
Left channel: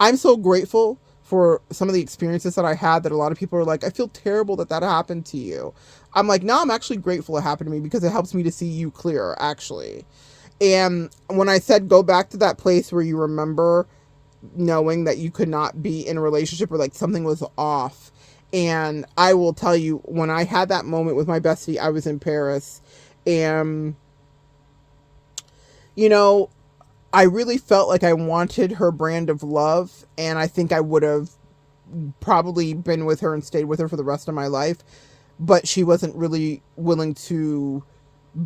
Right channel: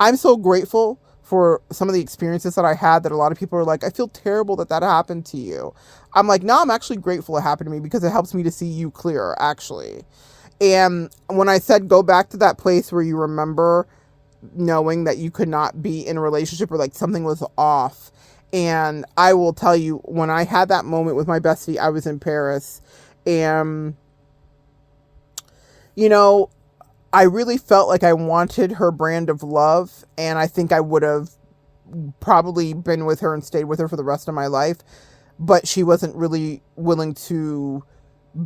I'm so grateful for some of the experiences that I had, that a lot of people are like, I feel terrible that happened to you. I'm like, no, I'm actually grateful it happened to me, because it helps me to see you clearer, actually. And when I said go back to that place where you remember knowing that you could not be in a relationship, or like something was off, And I will tell you, when I had that moment with my bestie, I was in Paris, and, you know, I really felt like I wanted her brand of love, and I think I would have probably been with her and stayed with her for the rest of my life, but she wasn't really willing to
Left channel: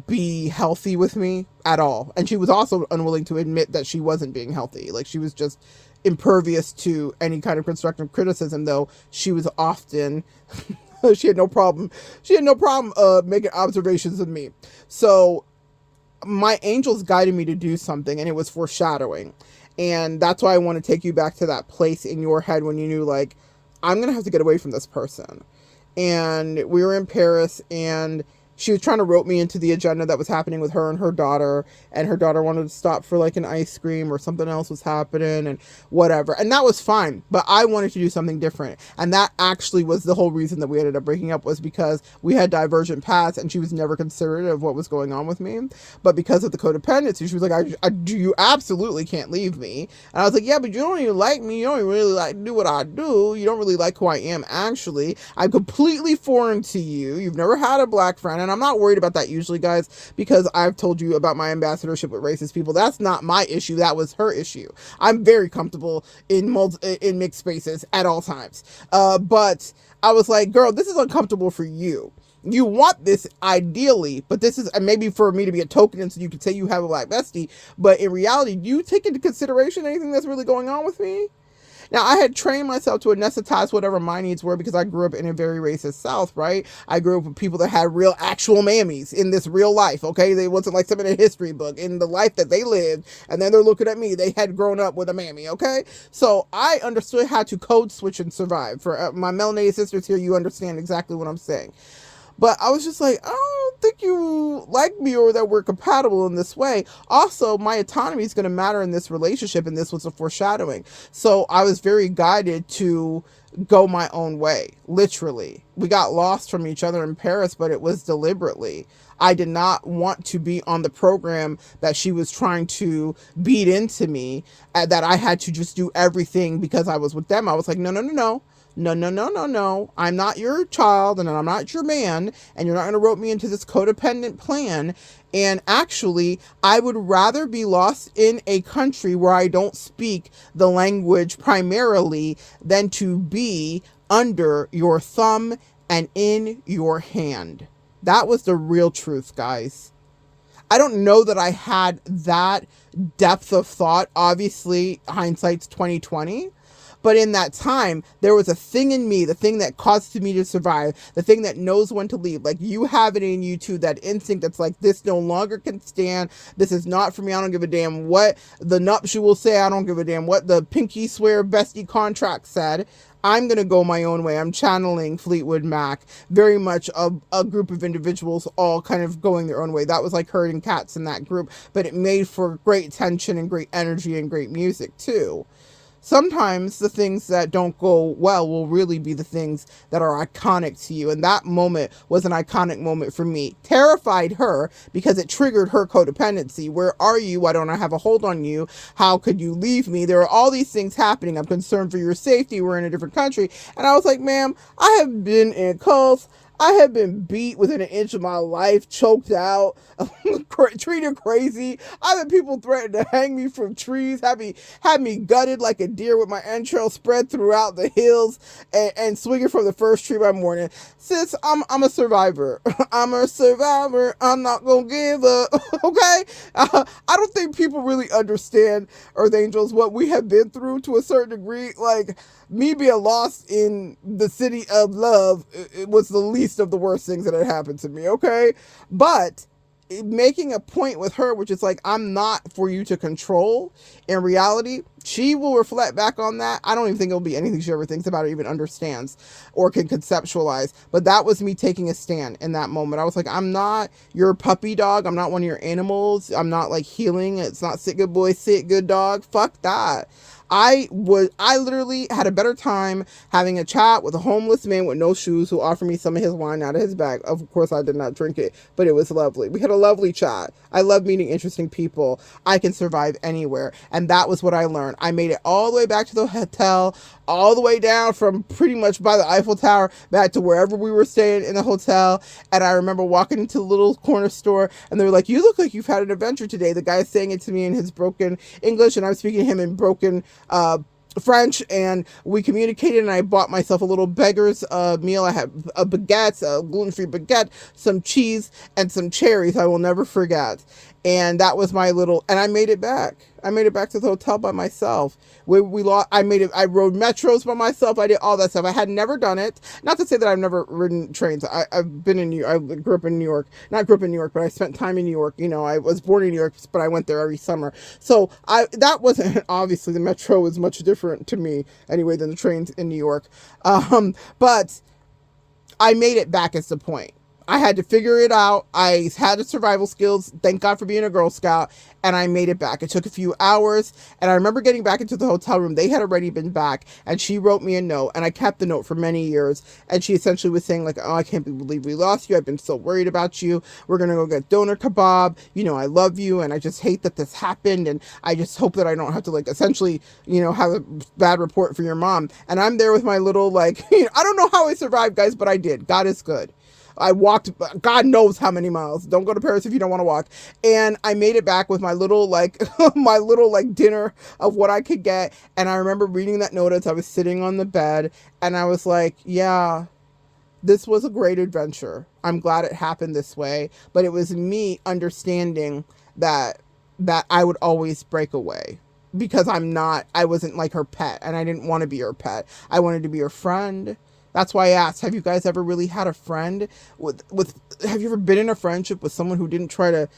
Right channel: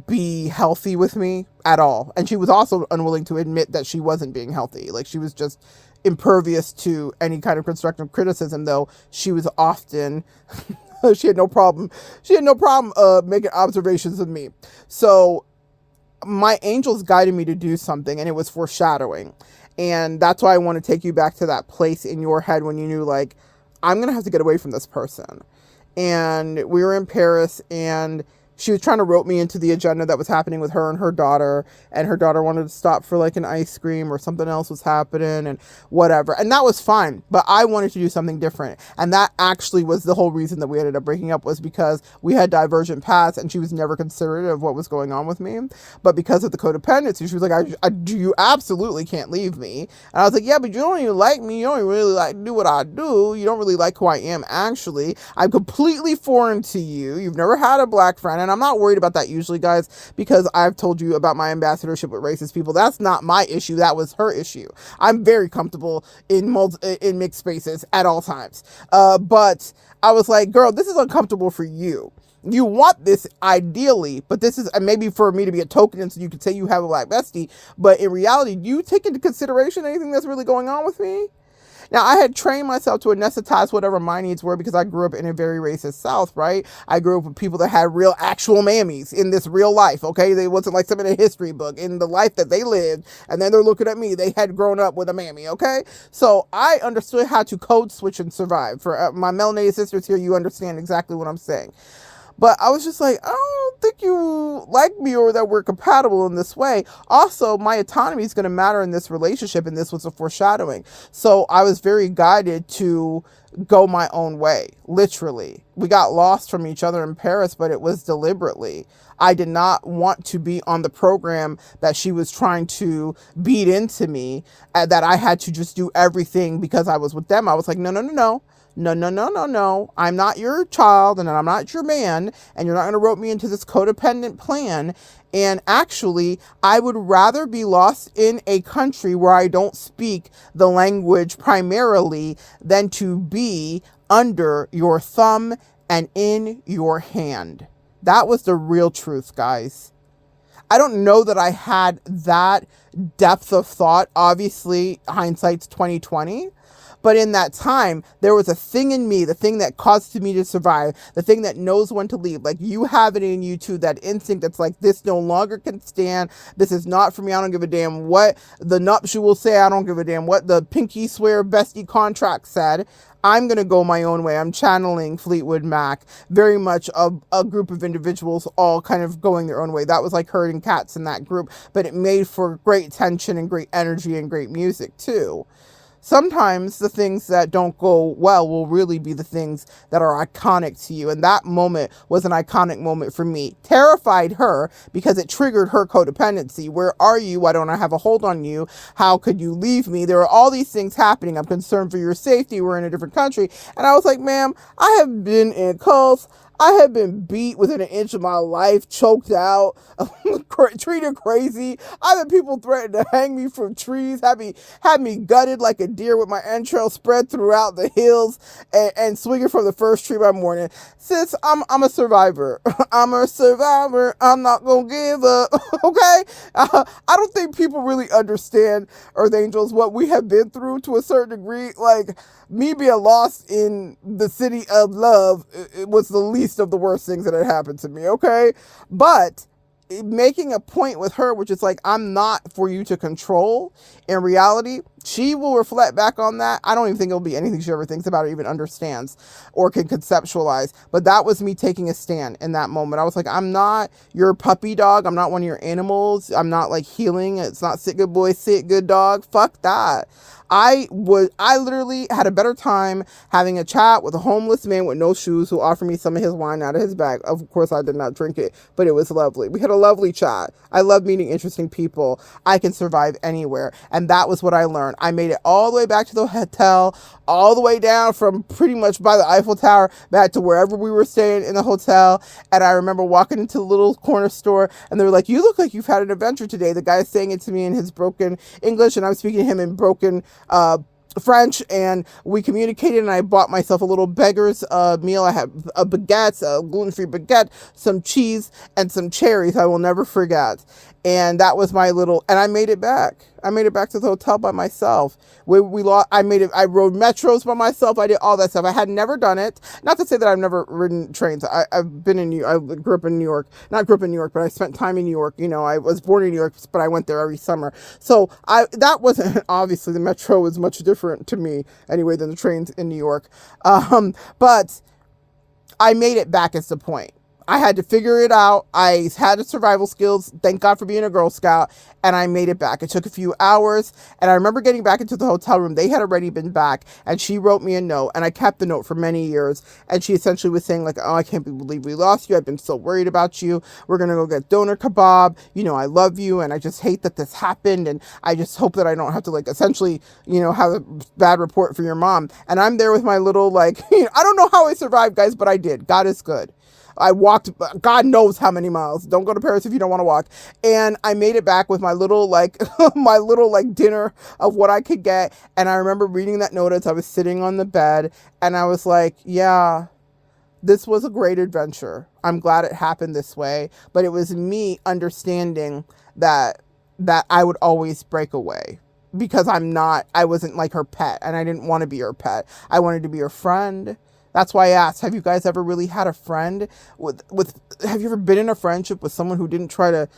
be healthy with me at all. And she was also unwilling to admit that she wasn't being healthy. Like, she was just impervious to any kind of constructive criticism, though she was often she had no problem making observations of me. So my angels guided me to do something, and it was foreshadowing. And that's why I want to take you back to that place in your head when you knew, like, I'm going to have to get away from this person. And we were in Paris, and she was trying to rope me into the agenda that was happening with her and her daughter wanted to stop for like an ice cream, or something else was happening and whatever. And that was fine, but I wanted to do something different. And that actually was the whole reason that we ended up breaking up, was because we had divergent paths, and she was never considerate of what was going on with me. But because of the codependency, she was like, you absolutely can't leave me. And I was like, yeah, but you don't even like me. You don't even really like do what I do. You don't really like who I am, actually. I'm completely foreign to you. You've never had a black friend. And I'm not worried about that usually, guys, because I've told you about my ambassadorship with racist people. That's not my issue. That was her issue. I'm very comfortable in mixed spaces at all times. But I was like, girl, this is uncomfortable for you. You want this ideally, but this is maybe for me to be a token, and so you can say you have a black bestie. But in reality, do you take into consideration anything that's really going on with me? Now, I had trained myself to anesthetize whatever my needs were, because I grew up in a very racist South, right? I grew up with people that had real actual mammies in this real life, okay? They wasn't like something in a history book. In the life that they lived, and then they're looking at me, they had grown up with a mammy, okay? So I understood how to code switch and survive. For my melanated sisters here, you understand exactly what I'm saying. But I was just like, I don't think you like me, or that we're compatible in this way. Also, my autonomy is going to matter in this relationship, and this was a foreshadowing. So I was very guided to go my own way, literally. We got lost from each other in Paris, but it was deliberately. I did not want to be on the program that she was trying to beat into me, that I had to just do everything because I was with them. I was like, no, no, no, no. No, no, no, no, no. I'm not your child, and I'm not your man, and you're not going to rope me into this codependent plan. And actually, I would rather be lost in a country where I don't speak the language primarily than to be under your thumb and in your hand. That was the real truth, guys. I don't know that I had that depth of thought. Obviously, hindsight's 2020. But in that time, there was a thing in me, the thing that caused me to survive, the thing that knows when to leave. Like, you have it in you too, that instinct that's like, this no longer can stand. This is not for me. I don't give a damn what the nuptial say. I don't give a damn what the pinky swear bestie contract said. I'm going to go my own way. I'm channeling Fleetwood Mac, very much a group of individuals all kind of going their own way. That was like herding cats in that group, but it made for great tension and great energy and great music too. Sometimes the things that don't go well will really be the things that are iconic to you. And that moment was an iconic moment for me. Terrified her because it triggered her codependency. Where are you? Why don't I have a hold on you? How could you leave me? There are all these things happening. I'm concerned for your safety. We're in a different country. And I was like, ma'am, I have been in cults. I have been beat within an inch of my life, choked out, treated crazy. I've had people threaten to hang me from trees, had me gutted like a deer with my entrails spread throughout the hills, and swinging from the first tree by morning. Sis, I'm a survivor. I'm a survivor. I'm not gonna give up. Okay? I don't think people really understand, Earth Angels, what we have been through to a certain degree. Like, me being lost in the city of love, it was the least of the worst things that had happened to me, okay? But making a point with her, which is like, I'm not for you to control. In reality, she will reflect back on that. I don't even think it'll be anything she ever thinks about or even understands or can conceptualize. But that was me taking a stand in that moment. I was like, I'm not your puppy dog. I'm not one of your animals. I'm not like healing. It's not sit good boy, sit good dog. Fuck that. I literally had a better time having a chat with a homeless man with no shoes who offered me some of his wine out of his bag. Of course, I did not drink it, but it was lovely. We had a lovely chat. I love meeting interesting people. I can survive anywhere. And that was what I learned. I made it all the way back to the hotel, all the way down from pretty much by the Eiffel Tower back to wherever we were staying in the hotel. And I remember walking into the little corner store and they were like, "You look like you've had an adventure today." The guy saying it to me in his broken English and I was speaking to him in broken French, and we communicated, and I bought myself a little beggar's meal. I had a baguette, a gluten-free baguette, some cheese, and some cherries I will never forget. And that was my little, and I made it back. I made it back to the hotel by myself. We lost, I made it, I rode metros by myself. I did all that stuff. I had never done it. Not to say that I've never ridden trains. I've been in New York. I grew up in New York. Not grew up in New York, but I spent time in New York. You know, I was born in New York, but I went there every summer. So that wasn't, obviously the metro was much different to me anyway than the trains in New York. But I made it back is the point. I had to figure it out. I had the survival skills. Thank God for being a Girl Scout. And I made it back. It took a few hours. And I remember getting back into the hotel room. They had already been back. And she wrote me a note. And I kept the note for many years. And she essentially was saying like, "Oh, I can't believe we lost you. I've been so worried about you. We're going to go get doner kebab. You know, I love you. And I just hate that this happened. And I just hope that I don't have to like essentially, you know, have a bad report for your mom." And I'm there with my little like, I don't know how I survived, guys, but I did. God is good. I walked God knows how many miles. Don't go to Paris if you don't want to walk. And I made it back with my little like my little like dinner of what I could get. And I remember reading that note as I was sitting on the bed and I was like, yeah, this was a great adventure. I'm glad it happened this way, but it was me understanding that I would always break away because I wasn't like her pet and I didn't want to be her pet. I wanted to be her friend. That's why I asked, have you guys ever really had a friend have you ever been in a friendship with someone who didn't try to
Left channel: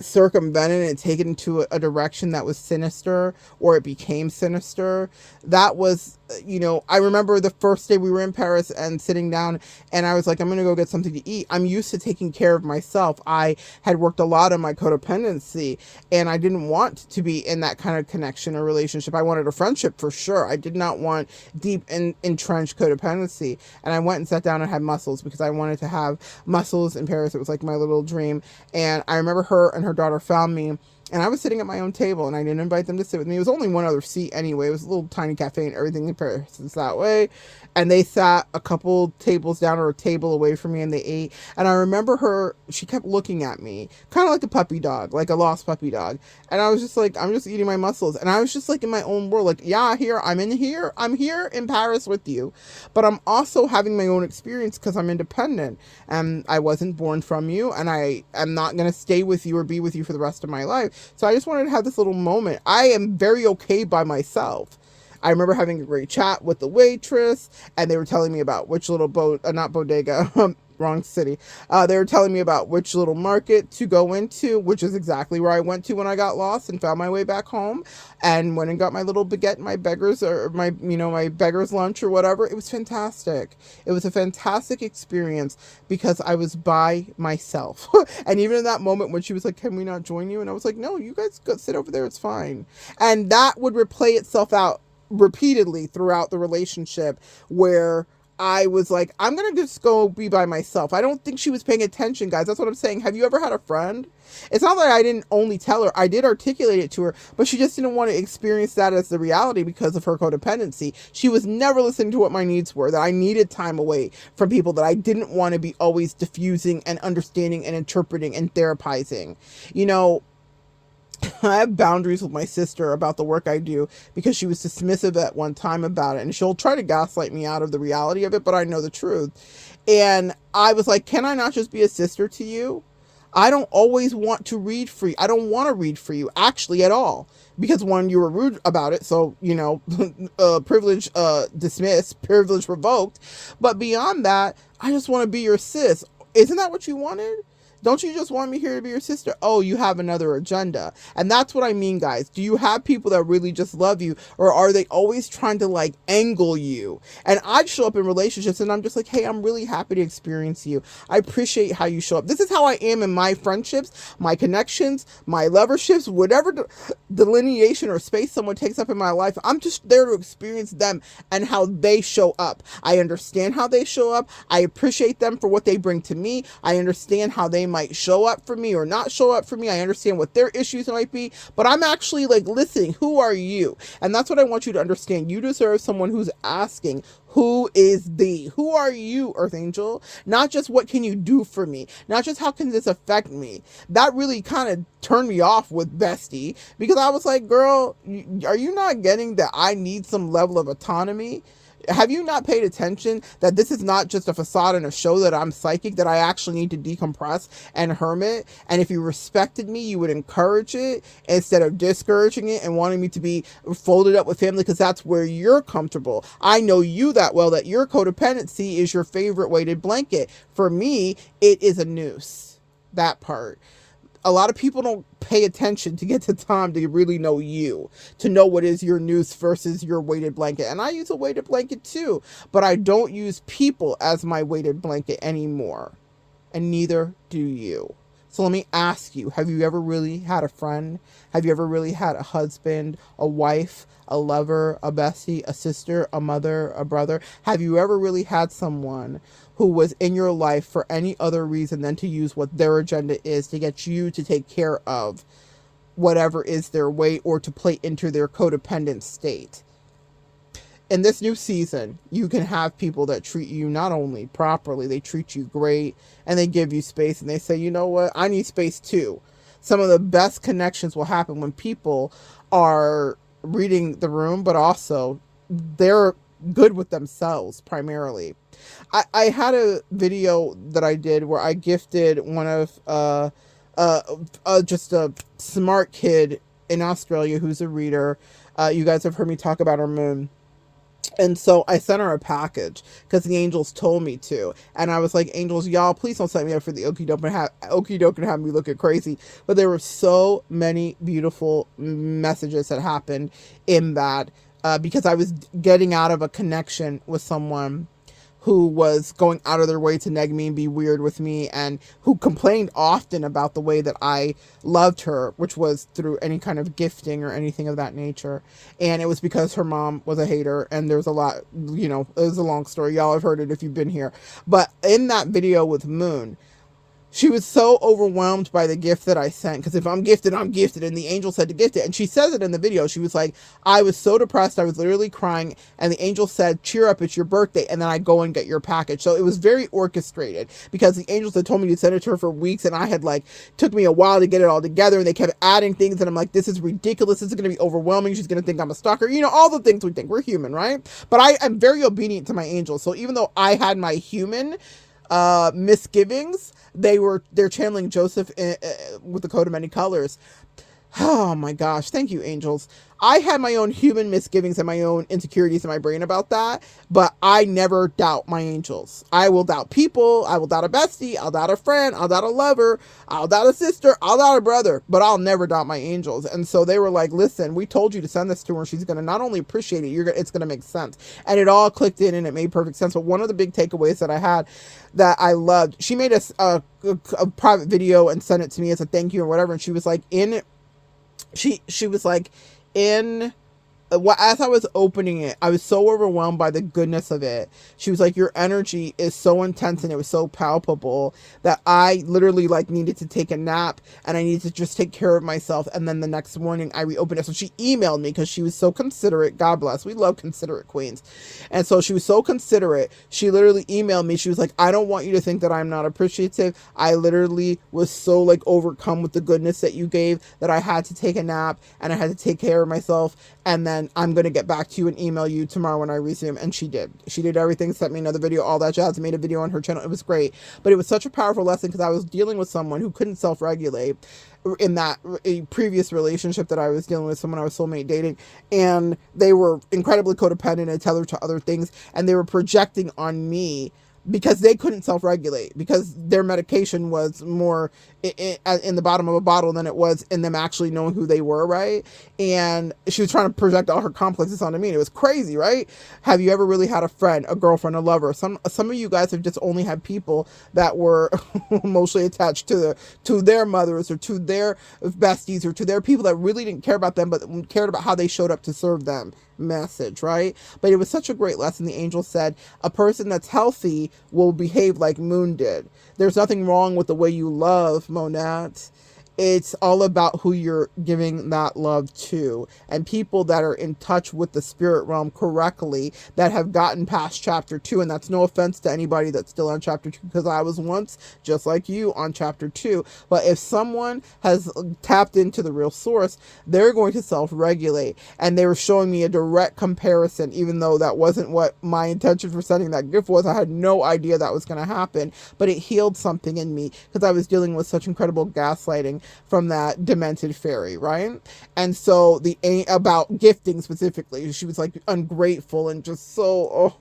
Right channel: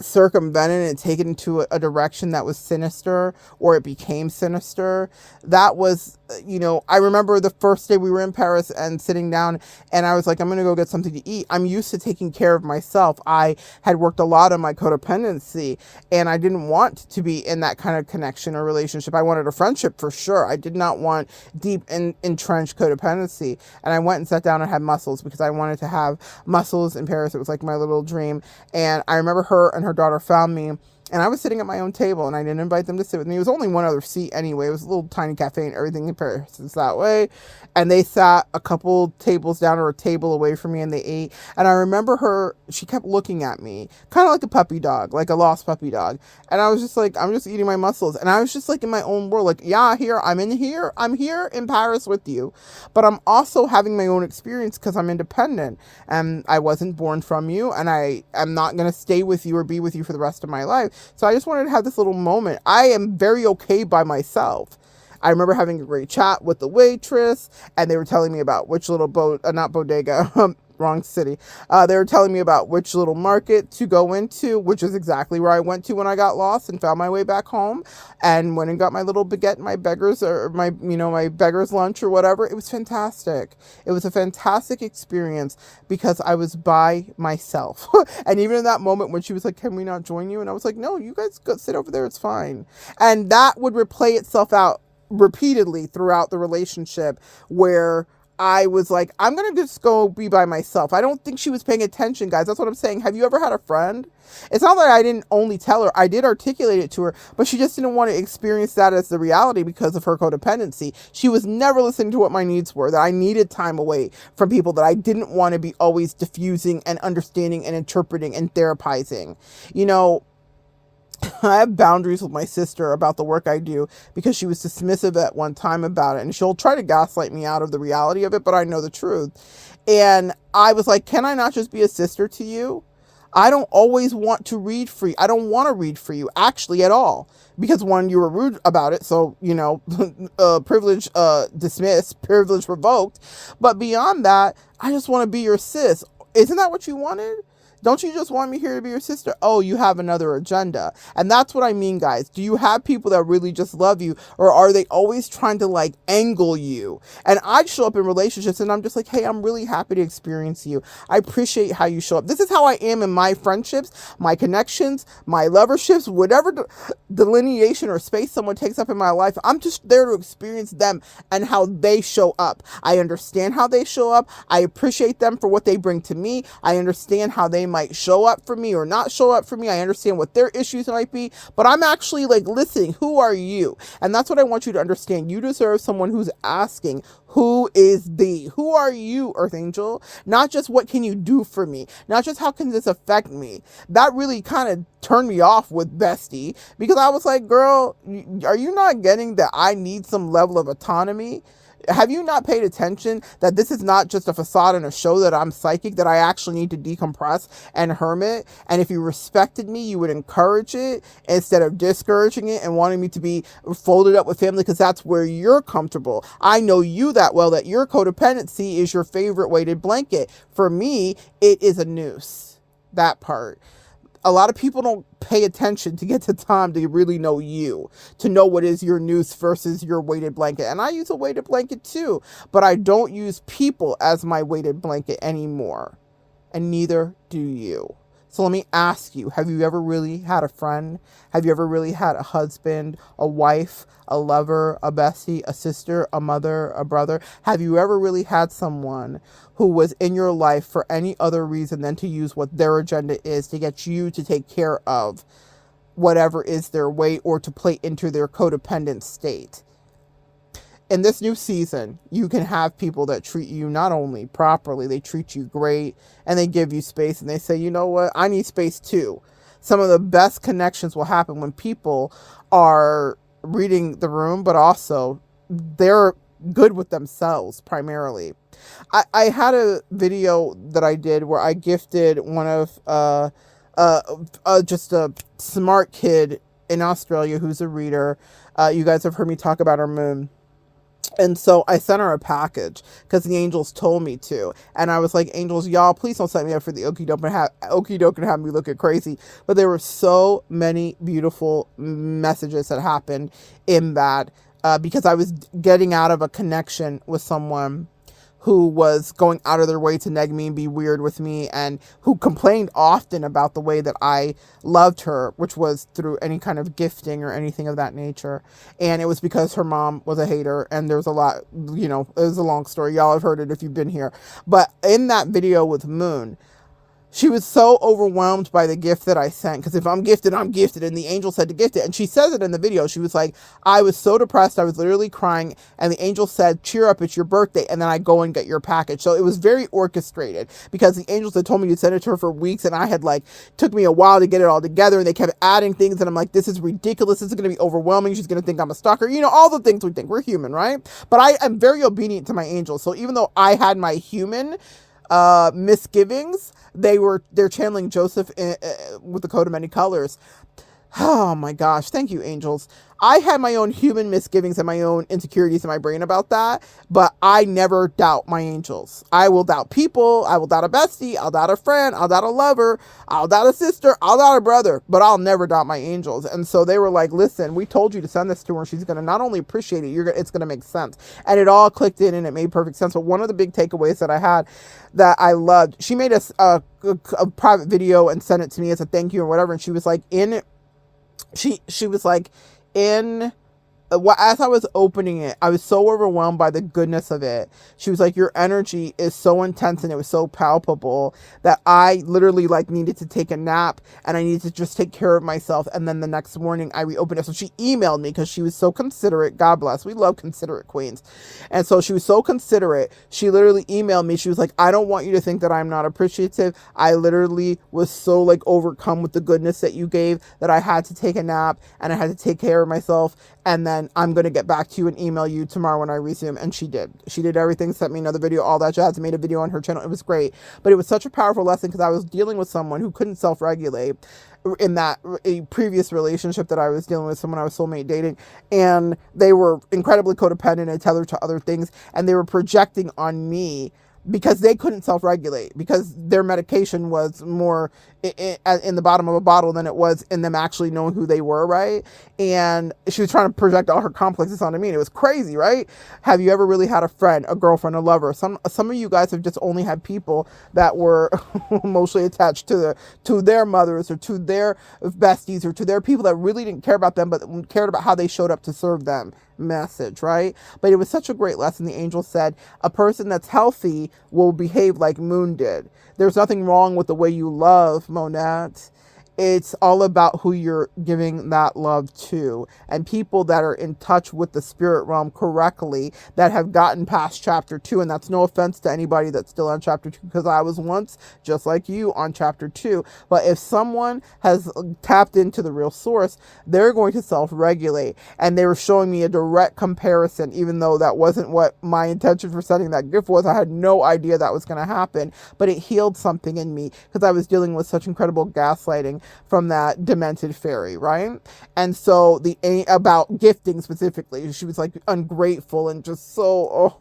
circumvent it and take it into a direction that was sinister or it became sinister? That was, you know, I remember the first day we were in Paris and sitting down and I was like, I'm going to go get something to eat. I'm used to taking care of myself. I had worked a lot on my codependency and I didn't want to be in that kind of connection or relationship. I wanted a friendship for sure. I did not want deep and entrenched codependency. And I went and sat down and had mussels because I wanted to have mussels in Paris. It was like my little dream. And I remember her and her daughter found me and I was sitting at my own table and I didn't invite them to sit with me. It was only one other seat anyway. It was a little tiny cafe and everything in Paris is that way. And they sat a couple tables down or a table away from me and they ate. And I remember she kept looking at me, kind of like a puppy dog, like a lost puppy dog. And I was just like, I'm just eating my mussels. And I was just like in my own world, like, yeah, I'm here in Paris with you. But I'm also having my own experience because I'm independent and I wasn't born from you. And I'm not going to stay with you or be with you for the rest of my life. So I just wanted to have this little moment. I am very okay by myself. I remember having a great chat with the waitress, and they were telling me about which little not bodega, wrong city. They were telling me about which little market to go into, which is exactly where I went to when I got lost and found my way back home, and went and got my little baguette, my my beggar's lunch or whatever. It was fantastic. It was a fantastic experience because I was by myself. And even in that moment when she was like, "Can we not join you?" And I was like, "No, you guys go sit over there. It's fine." And that would replay itself out repeatedly throughout the relationship where I was like, I'm going to just go be by myself. I don't think she was paying attention, guys. That's what I'm saying. Have you ever had a friend? It's not like I didn't only tell her. I did articulate it to her, but she just didn't want to experience that as the reality because of her codependency. She was never listening to what my needs were, that I needed time away from people, that I didn't want to be always diffusing and understanding and interpreting and therapizing. You know, I have boundaries with my sister about the work I do because she was dismissive at one time about it, and she'll try to gaslight me out of the reality of it, but I know the truth. And I was like, can I not just be a sister to you? I don't always want to read for you. I don't want to read for you, actually, at all. Because one, you were rude about it, so, you know, privilege dismissed, privilege revoked. But beyond that, I just want to be your sis. Isn't that what you wanted? Don't you just want me here to be your sister? Oh, you have another agenda. And that's what I mean, guys. Do you have people that really just love you, or are they always trying to like angle you? And I'd show up in relationships and I'm just like, hey, I'm really happy to experience you. I appreciate how you show up. This is how I am in my friendships, my connections, my loverships, whatever delineation or space someone takes up in my life. I'm just there to experience them and how they show up. I understand how they show up. I appreciate them for what they bring to me. I understand how they might show up for me or not show up for me. I understand what their issues might be, but I'm actually like listening. Who are you? And that's what I want you to understand. You deserve someone who's asking, who is thee? Who are you, Earth Angel? Not just what can you do for me? Not just how can this affect me? That really kind of turned me off with Bestie, because I was like, girl, are you not getting that I need some level of autonomy? Have you not paid attention that this is not just a facade and a show, that I'm psychic, that I actually need to decompress and hermit? And if you respected me, you would encourage it instead of discouraging it and wanting me to be folded up with family because that's where you're comfortable. I know you that well, that your codependency is your favorite weighted blanket. For me, it is a noose. That part. A lot of people don't pay attention to get the time to really know you, to know what is your noose versus your weighted blanket. And I use a weighted blanket too, but I don't use people as my weighted blanket anymore. And neither do you. So let me ask you, have you ever really had a friend? Have you ever really had a husband, a wife, a lover, a bestie, a sister, a mother, a brother? Have you ever really had someone who was in your life for any other reason than to use what their agenda is to get you to take care of whatever is their way or to play into their codependent state? In this new season, you can have people that treat you not only properly, they treat you great and they give you space and they say, you know what, I need space too. Some of the best connections will happen when people are reading the room, but also they're good with themselves primarily. I had a video that I did where I gifted one of just a smart kid in Australia who's a reader. You guys have heard me talk about her moon. And so I sent her a package because the angels told me to. And I was like, angels, y'all, please don't set me up for the okie doke and have me looking crazy. But there were so many beautiful messages that happened in that because I was getting out of a connection with someone who was going out of their way to neg me and be weird with me, and who complained often about the way that I loved her, which was through any kind of gifting or anything of that nature. And it was because her mom was a hater, and there was a lot, you know, it was a long story. Y'all have heard it if you've been here. But in that video with Moon, she was so overwhelmed by the gift that I sent, because if I'm gifted, I'm gifted, and the angel said to gift it. And she says it in the video. She was like, I was so depressed, I was literally crying, and the angel said, cheer up, it's your birthday, and then I go and get your package. So it was very orchestrated, because the angels had told me to send it to her for weeks, and I had like, took me a while to get it all together, and they kept adding things, and I'm like, this is ridiculous, this is going to be overwhelming, she's going to think I'm a stalker, you know, all the things we think. We're human, right? But I am very obedient to my angels. So even though I had my human misgivings, they're channeling Joseph with the coat of many colors. Oh my gosh, thank you, angels. I had my own human misgivings and my own insecurities in my brain about that, but I never doubt my angels. I will doubt people, I will doubt a bestie, I'll doubt a friend, I'll doubt a lover, I'll doubt a sister, I'll doubt a brother, but I'll never doubt my angels. And so they were like, listen, we told you to send this to her, she's going to not only appreciate it, it's going to make sense. And it all clicked in and it made perfect sense. But one of the big takeaways that I had that I loved, she made a private video and sent it to me as a thank you or whatever, and she was like, she was like, as I was opening it, I was so overwhelmed by the goodness of it. She was like, your energy is so intense and it was so palpable that I literally like needed to take a nap and I needed to just take care of myself. And then the next morning I reopened it. So she emailed me because she was so considerate. God bless. We love considerate queens. And so she was so considerate. She literally emailed me. She was like, I don't want you to think that I'm not appreciative. I literally was so like overcome with the goodness that you gave that I had to take a nap and I had to take care of myself. And then I'm going to get back to you and email you tomorrow when I resume. And she did. She did everything, sent me another video, all that jazz, made a video on her channel. It was great. But it was such a powerful lesson because I was dealing with someone who couldn't self-regulate in that a previous relationship that I was dealing with, someone I was soulmate dating. And they were incredibly codependent and tethered to other things. And they were projecting on me because they couldn't self-regulate, because their medication was more in the bottom of a bottle than it was in them actually knowing who they were, right? And she was trying to project all her complexes onto me, and it was crazy, right? Have you ever really had a friend, a girlfriend, a lover? Some of you guys have just only had people that were emotionally attached to their mothers, or to their besties, or to their people that really didn't care about them but cared about how they showed up to serve them. Message, right? But it was such a great lesson. The angel said a person that's healthy will behave like Moon did. There's nothing wrong with the way you love, Monette. It's all about who you're giving that love to. And people that are in touch with the spirit realm correctly, that have gotten past chapter 2, and that's no offense to anybody that's still on chapter 2, because I was once just like you on chapter 2. But if someone has tapped into the real source, they're going to self-regulate. And they were showing me a direct comparison, even though that wasn't what my intention for sending that gift was. I had no idea that was going to happen, but it healed something in me, because I was dealing with such incredible gaslighting from that demented fairy, right? And so about gifting specifically, she was like ungrateful and just so,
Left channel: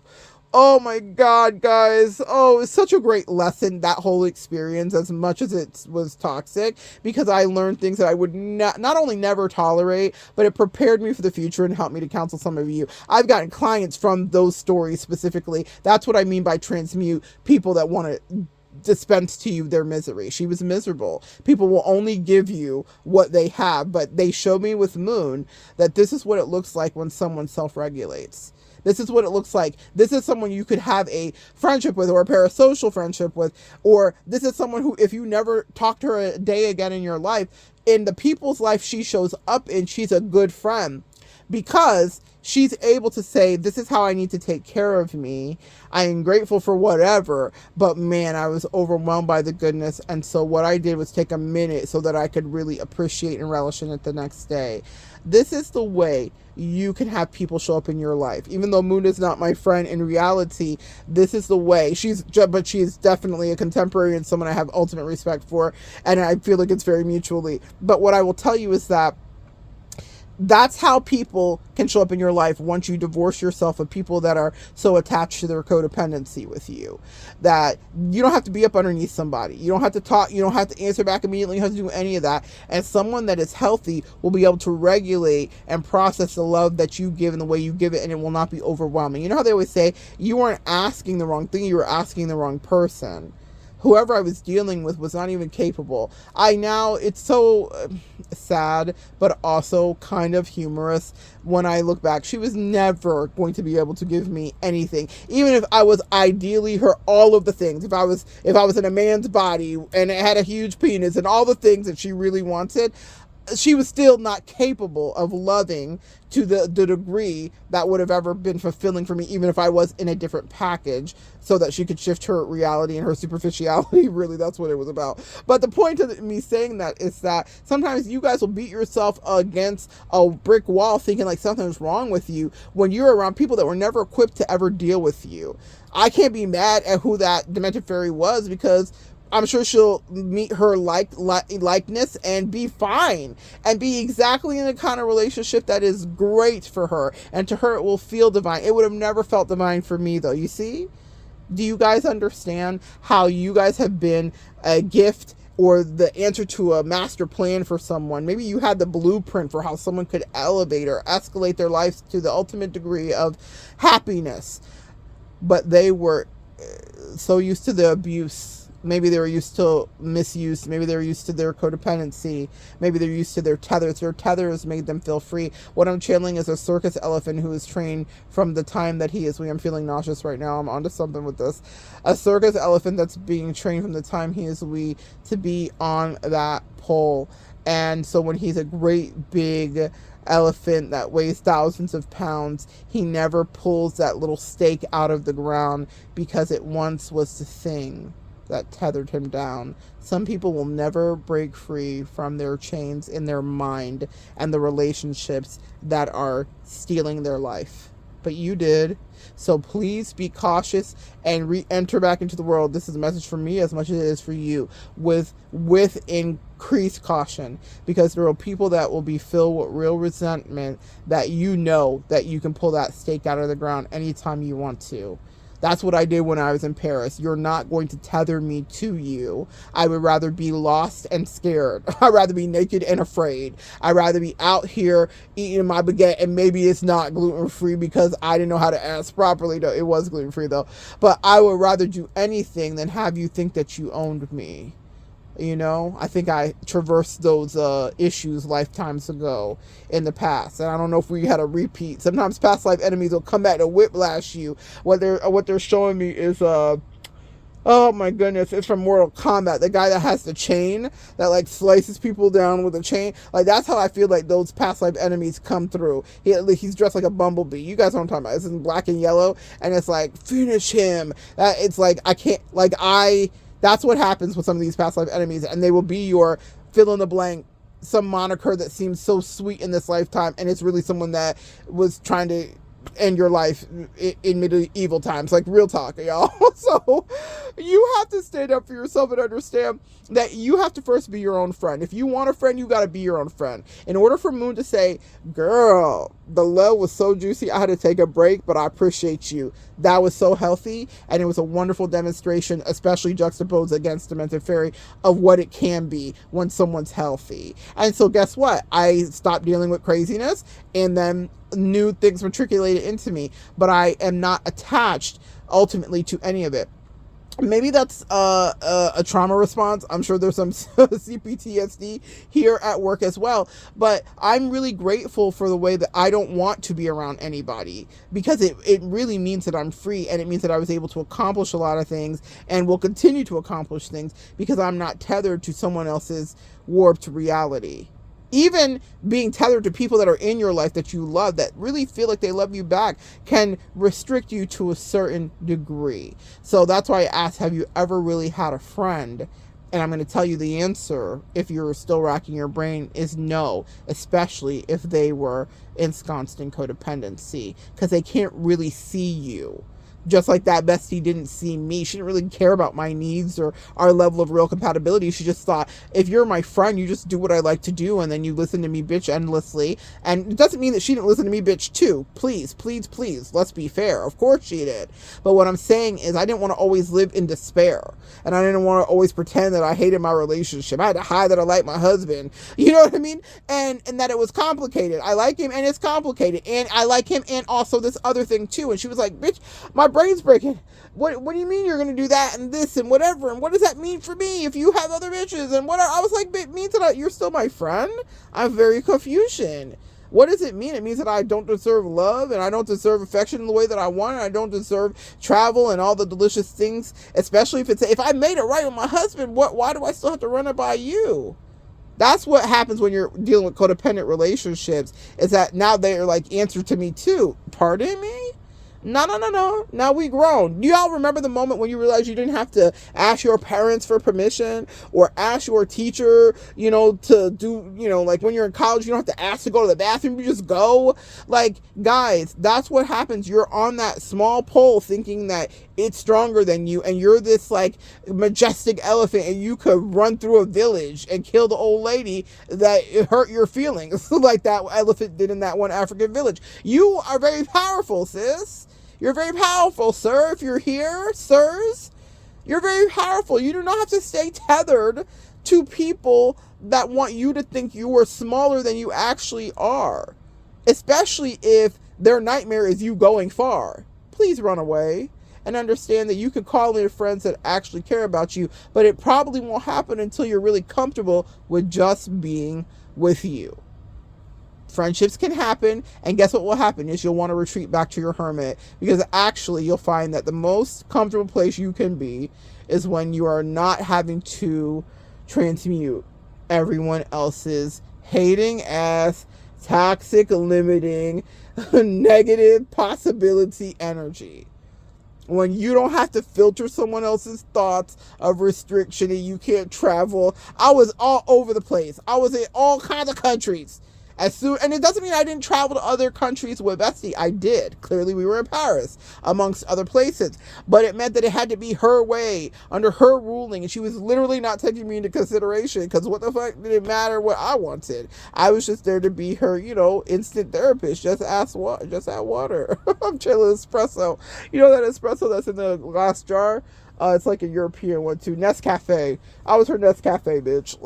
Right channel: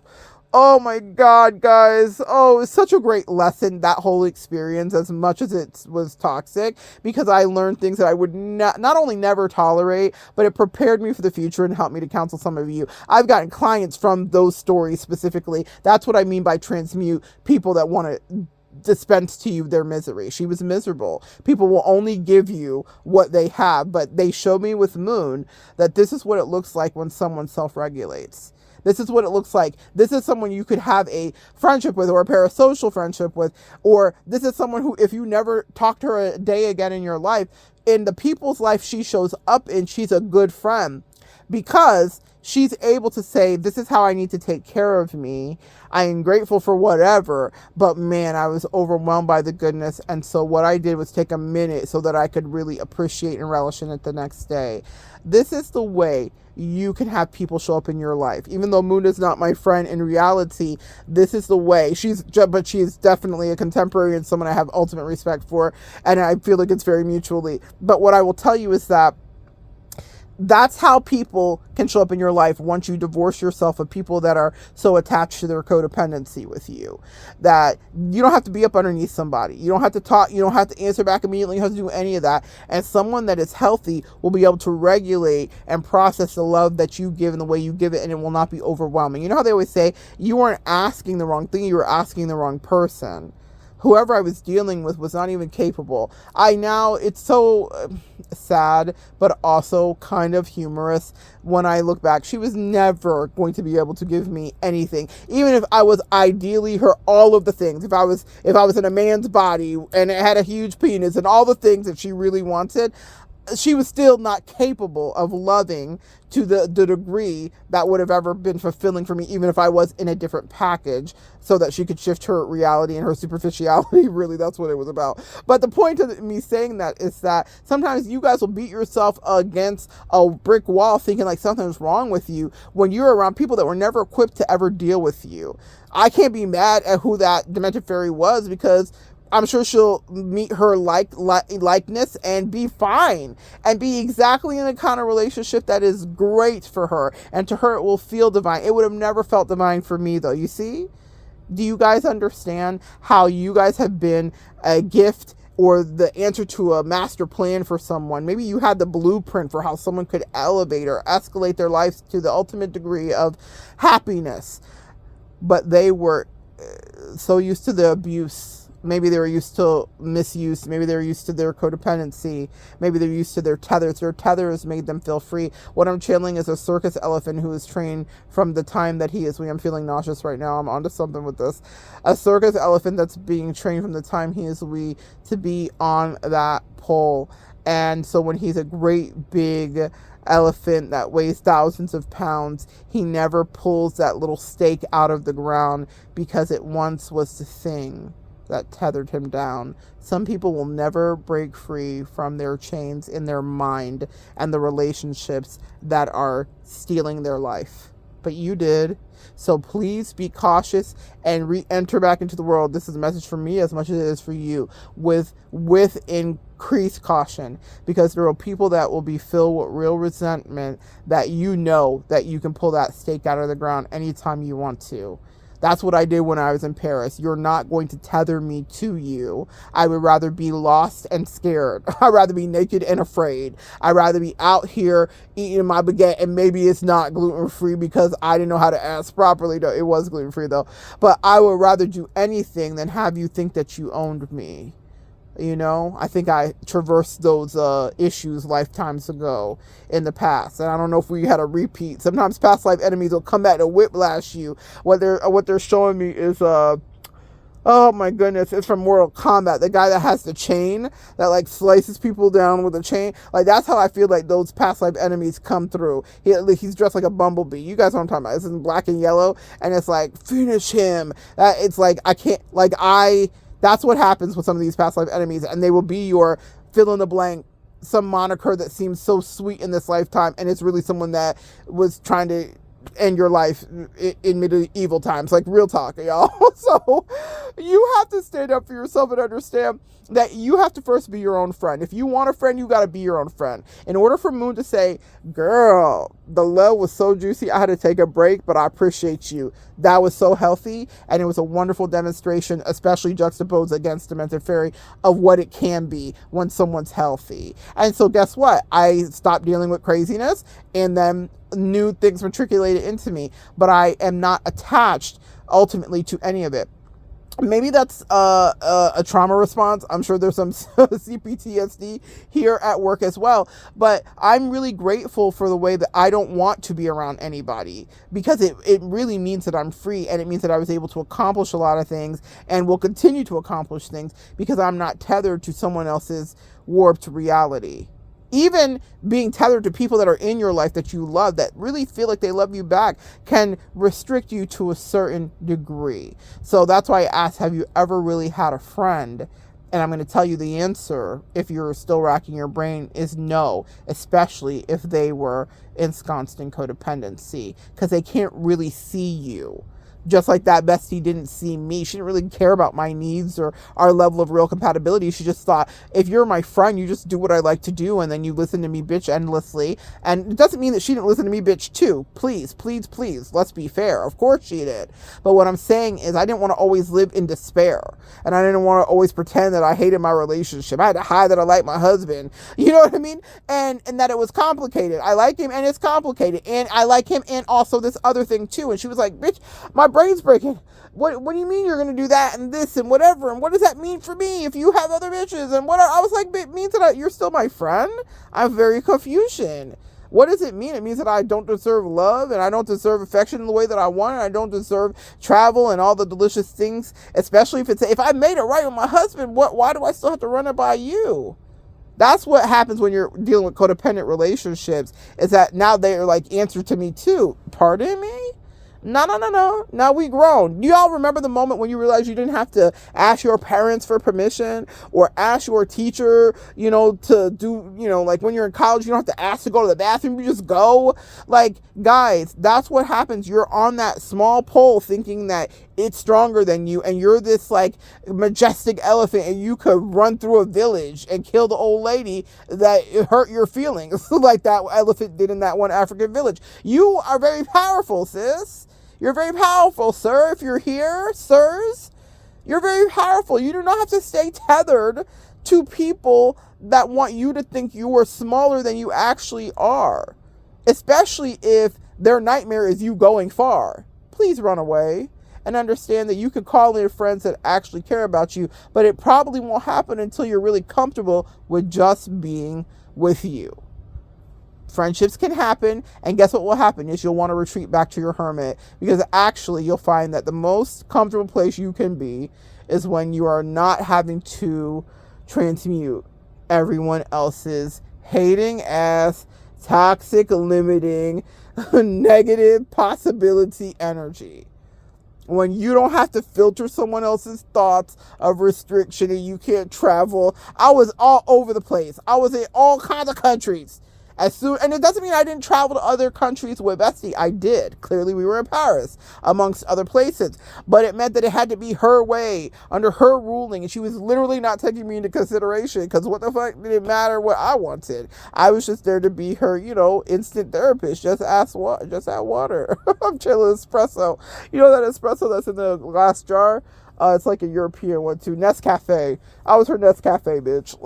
oh my God, guys. Oh, it was such a great lesson, that whole experience, as much as it was toxic, because I learned things that I would not only never tolerate, but it prepared me for the future and helped me to counsel some of you. I've gotten clients from those stories specifically. That's what I mean by transmute, people that want to dispense to you their misery. She was miserable. People will only give you what they have, but they showed me with Moon that this is what it looks like when someone self-regulates. This is what it looks like. This is someone you could have a friendship with, or a parasocial friendship with, or this is someone who, if you never talk to her a day again in your life, in the people's life she shows up in, she's a good friend, because she's able to say, this is how I need to take care of me. I am grateful for whatever, but man, I was overwhelmed by the goodness. And so what I did was take a minute so that I could really appreciate and relish in it the next day. This is the way you can have people show up in your life. Even though Moon is not my friend, in reality, this is the way. But she is definitely a contemporary and someone I have ultimate respect for. And I feel like it's very mutually. But what I will tell you is that that's how people can show up in your life once you divorce yourself of people that are so attached to their codependency with you, that you don't have to be up underneath somebody. You don't have to talk. You don't have to answer back immediately. You don't have to do any of that. And someone that is healthy will be able to regulate and process the love that you give and the way you give it, and it will not be overwhelming. You know how they always say, you weren't asking the wrong thing, you were asking the wrong person. Whoever I was dealing with was not even capable. It's so sad, but also kind of humorous when I look back. She was never going to be able to give me anything, even if I was ideally her all of the things. If I was in a man's body and it had a huge penis and all the things that she really wanted, she was still not capable of loving to the degree that would have ever been fulfilling for me, even if I was in a different package, so that she could shift her reality and her superficiality. Really, that's what it was about. But the point of me saying that is that sometimes you guys will beat yourself against a brick wall thinking like something's wrong with you when you're around people that were never equipped to ever deal with you. I can't be mad at who that demented fairy was, because I'm sure she'll meet her likeness and be fine and be exactly in the kind of relationship that is great for her. And to her, it will feel divine. It would have never felt divine for me, though. You see? Do you guys understand how you guys have been a gift or the answer to a master plan for someone? Maybe you had the blueprint for how someone could elevate or escalate their life to the ultimate degree of happiness. But they were so used to the abuse. Maybe they were used to misuse. Maybe they were used to their codependency. Maybe they're used to their tethers. Their tethers made them feel free. What I'm channeling is a circus elephant who is trained from the time that he is. I'm feeling nauseous right now. I'm onto something with this. A circus elephant that's being trained from the time he is wee to be on that pole. And so when he's a great big elephant that weighs thousands of pounds, he never pulls that little stake out of the ground, because it once was the thing that tethered him down. Some people will never break free from their chains in their mind and the relationships that are stealing their life. But you did. So please be cautious and re-enter back into the world. This is a message for me as much as it is for you, with increased caution, because there are people that will be filled with real resentment, that you know that you can pull that stake out of the ground anytime you want to. That's what I did when I was in Paris. You're not going to tether me to you. I would rather be lost and scared. I'd rather be naked and afraid. I'd rather be out here eating my baguette, and maybe it's not gluten-free because I didn't know how to ask properly. No, it was gluten-free though. But I would rather do anything than have you think that you owned me. You know, I think I traversed those issues lifetimes ago in the past, and I don't know if we had a repeat. Sometimes past life enemies will come back to whiplash you. What they're showing me is oh my goodness, it's from Mortal Kombat. The guy that has the chain that like slices people down with a chain. Like that's how I feel like those past life enemies come through. He's dressed like a bumblebee. You guys know what I'm talking about. It's in black and yellow, and it's like finish him. It's like I can't like I. That's what happens with some of these past life enemies, and they will be your fill in the blank, some moniker that seems so sweet in this lifetime, and it's really someone that was trying to end your life in medieval times. Like real talk, y'all. So you have to stand up for yourself and understand that you have to first be your own friend. If you want a friend, you got to be your own friend. In order for Moon to say, girl, the love was so juicy, I had to take a break, but I appreciate you. That was so healthy, and it was a wonderful demonstration, especially juxtaposed against Demented Fairy, of what it can be when someone's healthy. And so guess what? I stopped dealing with craziness, and then new things matriculated into me, but I am not attached ultimately to any of it. Maybe that's a trauma response. I'm sure there's some CPTSD here at work as well. But I'm really grateful for the way that I don't want to be around anybody, because it really means that I'm free, and it means that I was able to accomplish a lot of things and will continue to accomplish things because I'm not tethered to someone else's warped reality. Even being tethered to people that are in your life that you love, that really feel like they love you back, can restrict you to a certain degree. So that's why I asked, have you ever really had a friend? And I'm going to tell you the answer, if you're still racking your brain, is no, especially if they were ensconced in codependency, because they can't really see you. Just like that bestie didn't see me. She didn't really care about my needs or our level of real compatibility. She just thought, if you're my friend, you just do what I like to do, and then you listen to me bitch endlessly. And it doesn't mean that she didn't listen to me bitch too. Please, please, please, let's be fair. Of course she did. But what I'm saying is I didn't want to always live in despair. And I didn't want to always pretend that I hated my relationship. I had to hide that I liked my husband. You know what I mean? And that it was complicated. I like him and it's complicated. And I like him and also this other thing too. And she was like, bitch, my brain's breaking. What do you mean you're going to do that and this and whatever? And what does that mean for me if you have other bitches and whatever? I was like, it means that you're still my friend? I'm very confusion. What does it mean? It means that I don't deserve love, and I don't deserve affection in the way that I want, and I don't deserve travel and all the delicious things, especially if I made it right with my husband, why do I still have to run it by you? That's what happens when you're dealing with codependent relationships, is that now they're like answer to me too. Pardon me? No. Now we grown. Do y'all remember the moment when you realized you didn't have to ask your parents for permission or ask your teacher, to do, like when you're in college, you don't have to ask to go to the bathroom. You just go. Like, guys, that's what happens. You're on that small pole thinking that it's stronger than you, and you're this like majestic elephant, and you could run through a village and kill the old lady that hurt your feelings like that elephant did in that one African village. You are very powerful, sis. You're very powerful, sir. If you're here, sirs, you're very powerful. You do not have to stay tethered to people that want you to think you are smaller than you actually are, especially if their nightmare is you going far. Please run away and understand that you can call in friends that actually care about you, but it probably won't happen until you're really comfortable with just being with you. Friendships can happen, and guess what will happen is you'll want to retreat back to your hermit, because actually you'll find that the most comfortable place you can be is when you are not having to transmute everyone else's hating ass, toxic, limiting, negative possibility energy. When you don't have to filter someone else's thoughts of restriction and you can't travel. I was all over the place. I was in all kinds of countries. As soon, and it doesn't mean I didn't travel to other countries with Bestie. I did. Clearly, we were in Paris, amongst other places. But it meant that it had to be her way, under her ruling, and she was literally not taking me into consideration, because what the fuck did it matter what I wanted? I was just there to be her, instant therapist. Just add water. I'm chilling espresso. You know that espresso that's in the glass jar? It's like a European one too. Nescafe. I was her Nescafe bitch.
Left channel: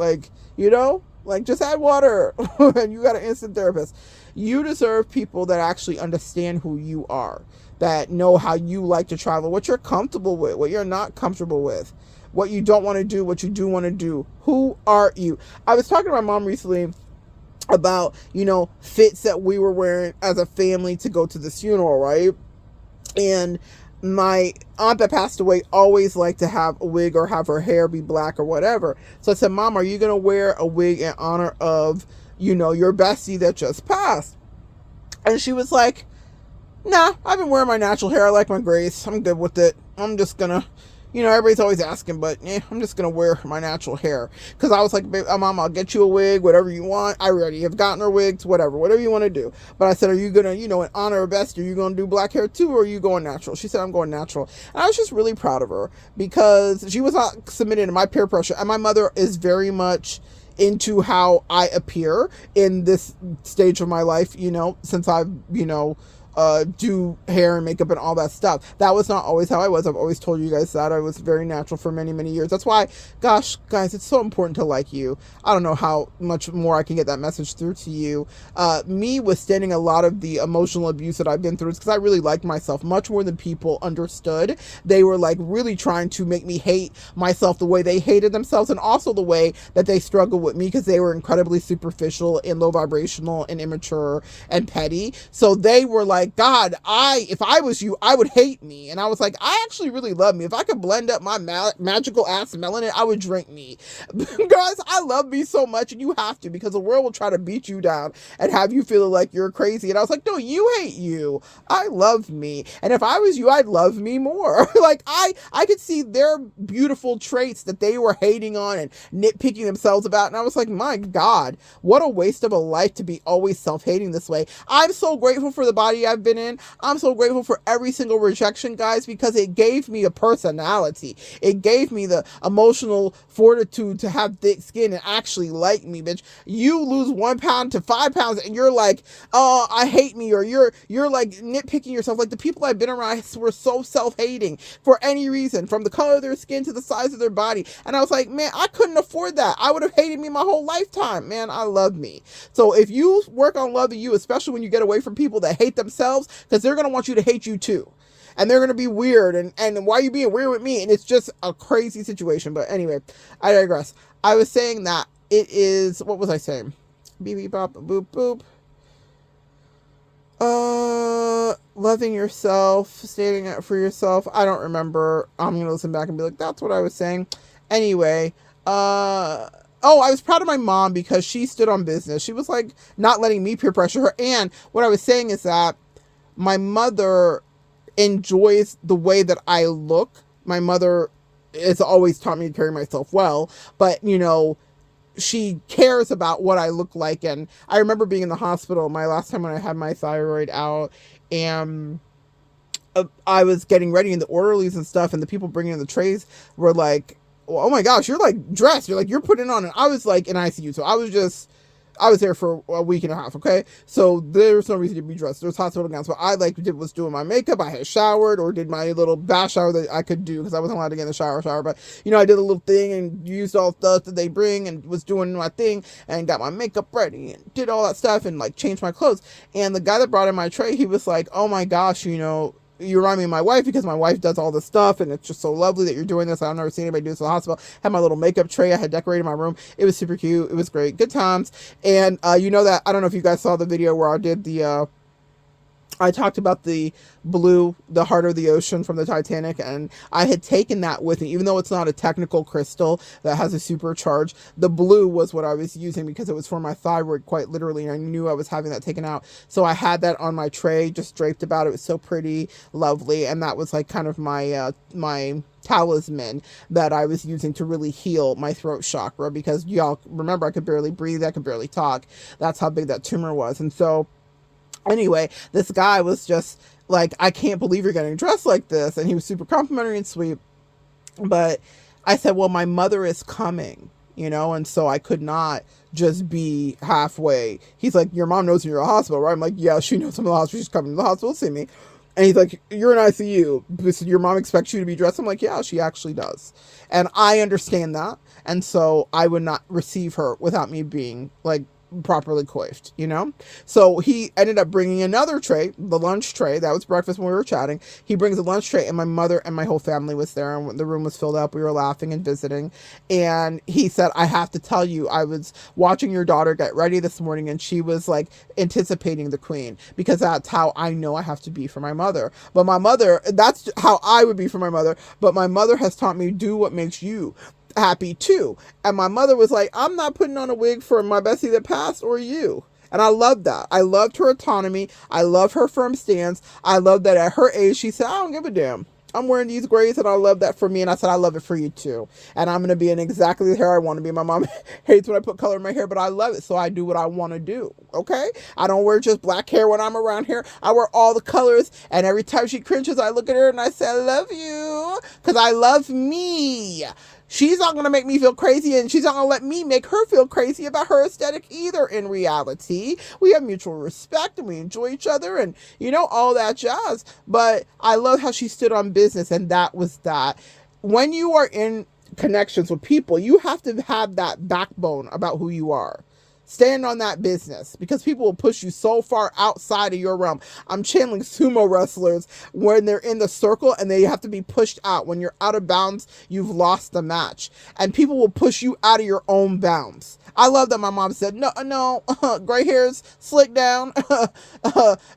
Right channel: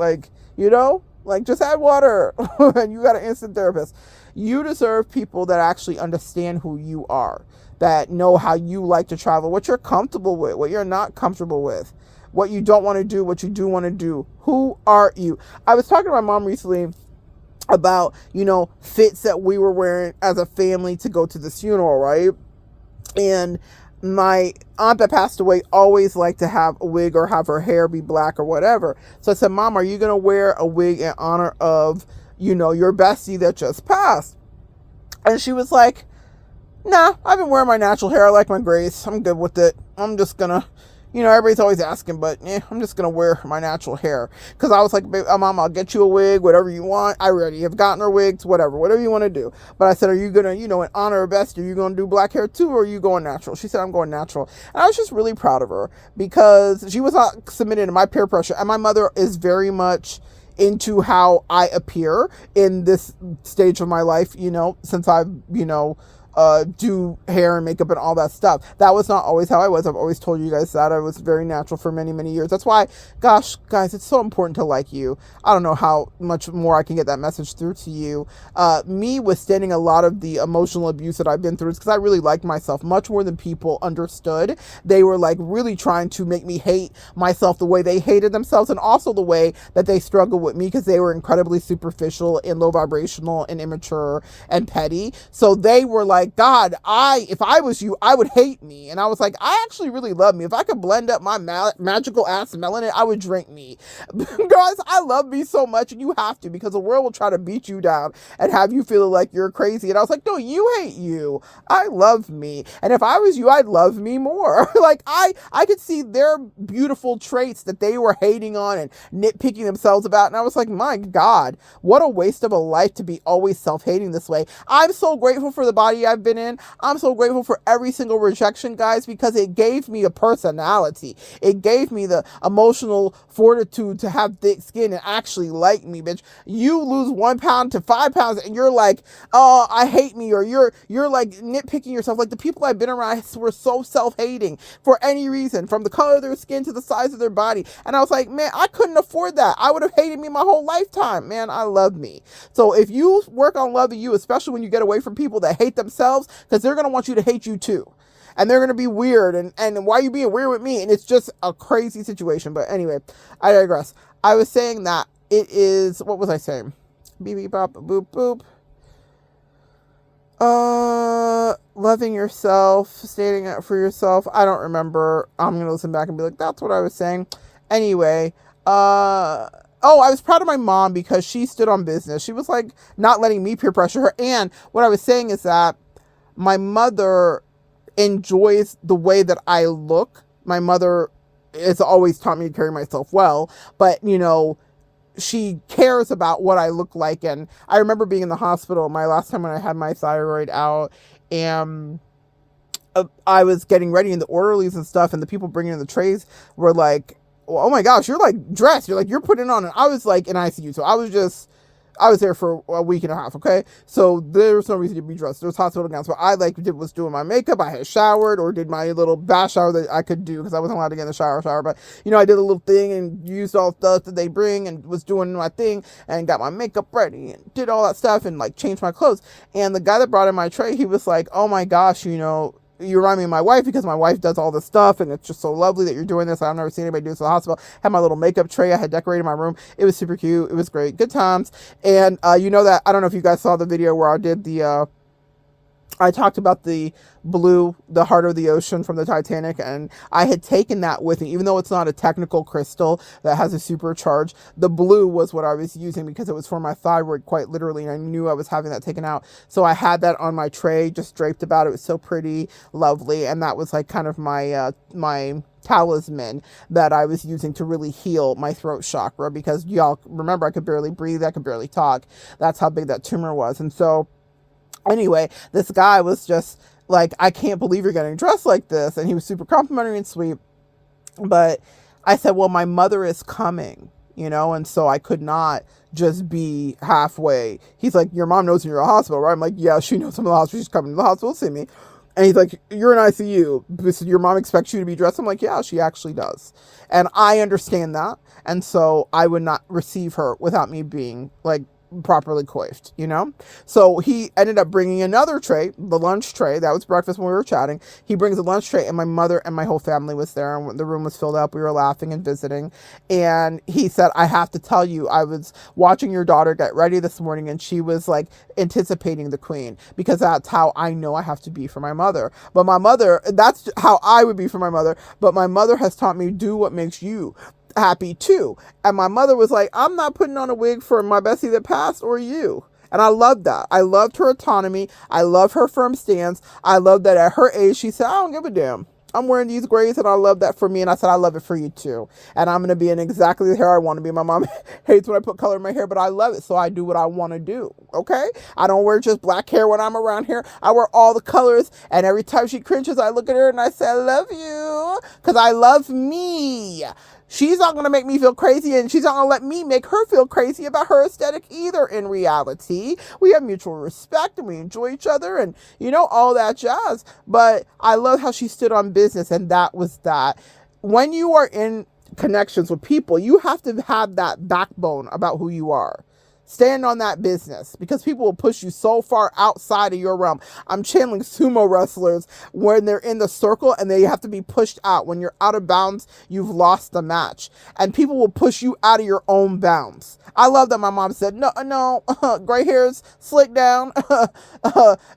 Just add water and you got an instant therapist. You deserve people that actually understand who you are, that know how you like to travel, what you're comfortable with, what you're not comfortable with, what you don't want to do, what you do want to do. Who are you? I was talking to my mom recently about, fits that we were wearing as a family to go to this funeral, right? And my aunt that passed away always liked to have a wig or have her hair be black or whatever. So I said, Mom, are you going to wear a wig in honor of, your bestie that just passed? And she was like, nah, I've been wearing my natural hair. I like my grace. I'm good with it. I'm just going to, everybody's always asking, but I'm just going to wear my natural hair. Because I was like, Mom, I'll get you a wig, whatever you want. I already have gotten her wigs, whatever you want to do. But I said, are you going to, in honor of Bestie, are you going to do black hair too, or are you going natural? She said, I'm going natural. And I was just really proud of her, because she was not submitted to my peer pressure. And my mother is very much into how I appear in this stage of my life, since I've, do hair and makeup and all that stuff. That was not always how I was. I've always told you guys that I was very natural for many, many years. That's why, gosh, guys, it's so important to like you. I don't know how much more I can get that message through to you. Me withstanding a lot of the emotional abuse that I've been through is because I really liked myself much more than people understood. They were like really trying to make me hate myself the way they hated themselves, and also the way that they struggled with me, because they were incredibly superficial and low vibrational and immature and petty. So they were like, God, if I was you, I would hate me. And I was like, I actually really love me. If I could blend up my magical ass melanin, I would drink me. Guys, I love me so much, and you have to, because the world will try to beat you down and have you feel like you're crazy. And I was like, no, you hate you. I love me. And if I was you, I'd love me more. Like I could see their beautiful traits that they were hating on and nitpicking themselves about. And I was like, my God, what a waste of a life to be always self-hating this way. I'm so grateful for the body I've been in. I'm so grateful for every single rejection, guys, because it gave me a personality. It gave me the emotional fortitude to have thick skin and actually like me, bitch. You lose 1 pound to 5 pounds and you're like, oh, I hate me, or you're like nitpicking yourself. Like, the people I've been around were so self-hating for any reason, from the color of their skin to the size of their body. And I was like, man, I couldn't afford that. I would have hated me my whole lifetime. Man, I love me. So if you work on loving you, especially when you get away from people that hate themselves, because they're going to want you to hate you too. And they're going to be weird. And why are you being weird with me? And it's just a crazy situation. But anyway, I digress. I was saying that it is, what was I saying? Beep, beep, bop, boop, boop. Loving yourself, standing up for yourself. I don't remember. I'm going to listen back and be like, that's what I was saying. Anyway, I was proud of my mom because she stood on business. She was like not letting me peer pressure her. And what I was saying is that my mother enjoys the way that I look. My mother has always taught me to carry myself well, but she cares about what I look like. And I remember being in the hospital my last time when I had my thyroid out, and I was getting ready, and the orderlies and stuff and the people bringing in the trays were like, oh my gosh, you're like dressed, you're putting on. And I was like in ICU, so I was there for a week and a half, okay? So there was no reason to be dressed. There was hospital gowns. What I was doing my makeup. I had showered or did my little bath shower that I could do because I wasn't allowed to get in the shower. But, I did a little thing and used all the stuff that they bring and was doing my thing and got my makeup ready and did all that stuff and changed my clothes. And the guy that brought in my tray, he was like, oh my gosh, you remind me of my wife, because my wife does all this stuff and it's just so lovely that you're doing this. I've never seen anybody do this in the hospital. Had my little makeup tray. I had decorated my room. It was super cute. It was great. Good times. And that, I don't know if you guys saw the video where I did the I talked about the blue, the heart of the ocean from the Titanic, and I had taken that with me, even though it's not a technical crystal that has a supercharge. The blue was what I was using because it was for my thyroid, quite literally, and I knew I was having that taken out. So I had that on my tray, just draped about it. It was so pretty, lovely, and that was like kind of my talisman that I was using to really heal my throat chakra, because y'all remember I could barely breathe, I could barely talk. That's how big that tumor was. And so anyway, this guy was just like, I can't believe you're getting dressed like this. And he was super complimentary and sweet. But I said, well, my mother is coming, and so I could not just be halfway. He's like, your mom knows you're in a hospital, right? I'm like, yeah, she knows I'm in the hospital. She's coming to the hospital to see me. And he's like, you're in ICU. Your mom expects you to be dressed. I'm like, yeah, she actually does. And I understand that. And so I would not receive her without me being like properly coiffed. So he ended up bringing another tray, the lunch tray. That was breakfast when we were chatting. He brings a lunch tray, and my mother and my whole family was there, and the room was filled up. We were laughing and visiting. And he said, I have to tell you, I was watching your daughter get ready this morning, and she was like anticipating the queen, because that's how I know I have to be for my mother. But my mother, that's how I would be for my mother. But my mother has taught me, do what makes you happy too. And my mother was like, I'm not putting on a wig for my Bessie that passed or you. And I loved that. I loved her autonomy. I love her firm stance. I love that at her age, she said, I don't give a damn. I'm wearing these grays, and I love that for me. And I said, I love it for you too. And I'm going to be in exactly the hair I want to be. My mom hates when I put color in my hair, but I love it. So I do what I want to do. Okay. I don't wear just black hair when I'm around here. I wear all the colors. And every time she cringes, I look at her and I say, I love you, because I love me. She's not going to make me feel crazy, and she's not going to let me make her feel crazy about her aesthetic either. In reality, we have mutual respect, and we enjoy each other, and all that jazz. But I love how she stood on business, and that was that. When you are in connections with people, you have to have that backbone about who you are. Stand on that business, because people will push you so far outside of your realm. I'm channeling sumo wrestlers when they're in the circle and they have to be pushed out. When you're out of bounds, you've lost the match. And people will push you out of your own bounds. I love that my mom said, no, gray hairs, slick down,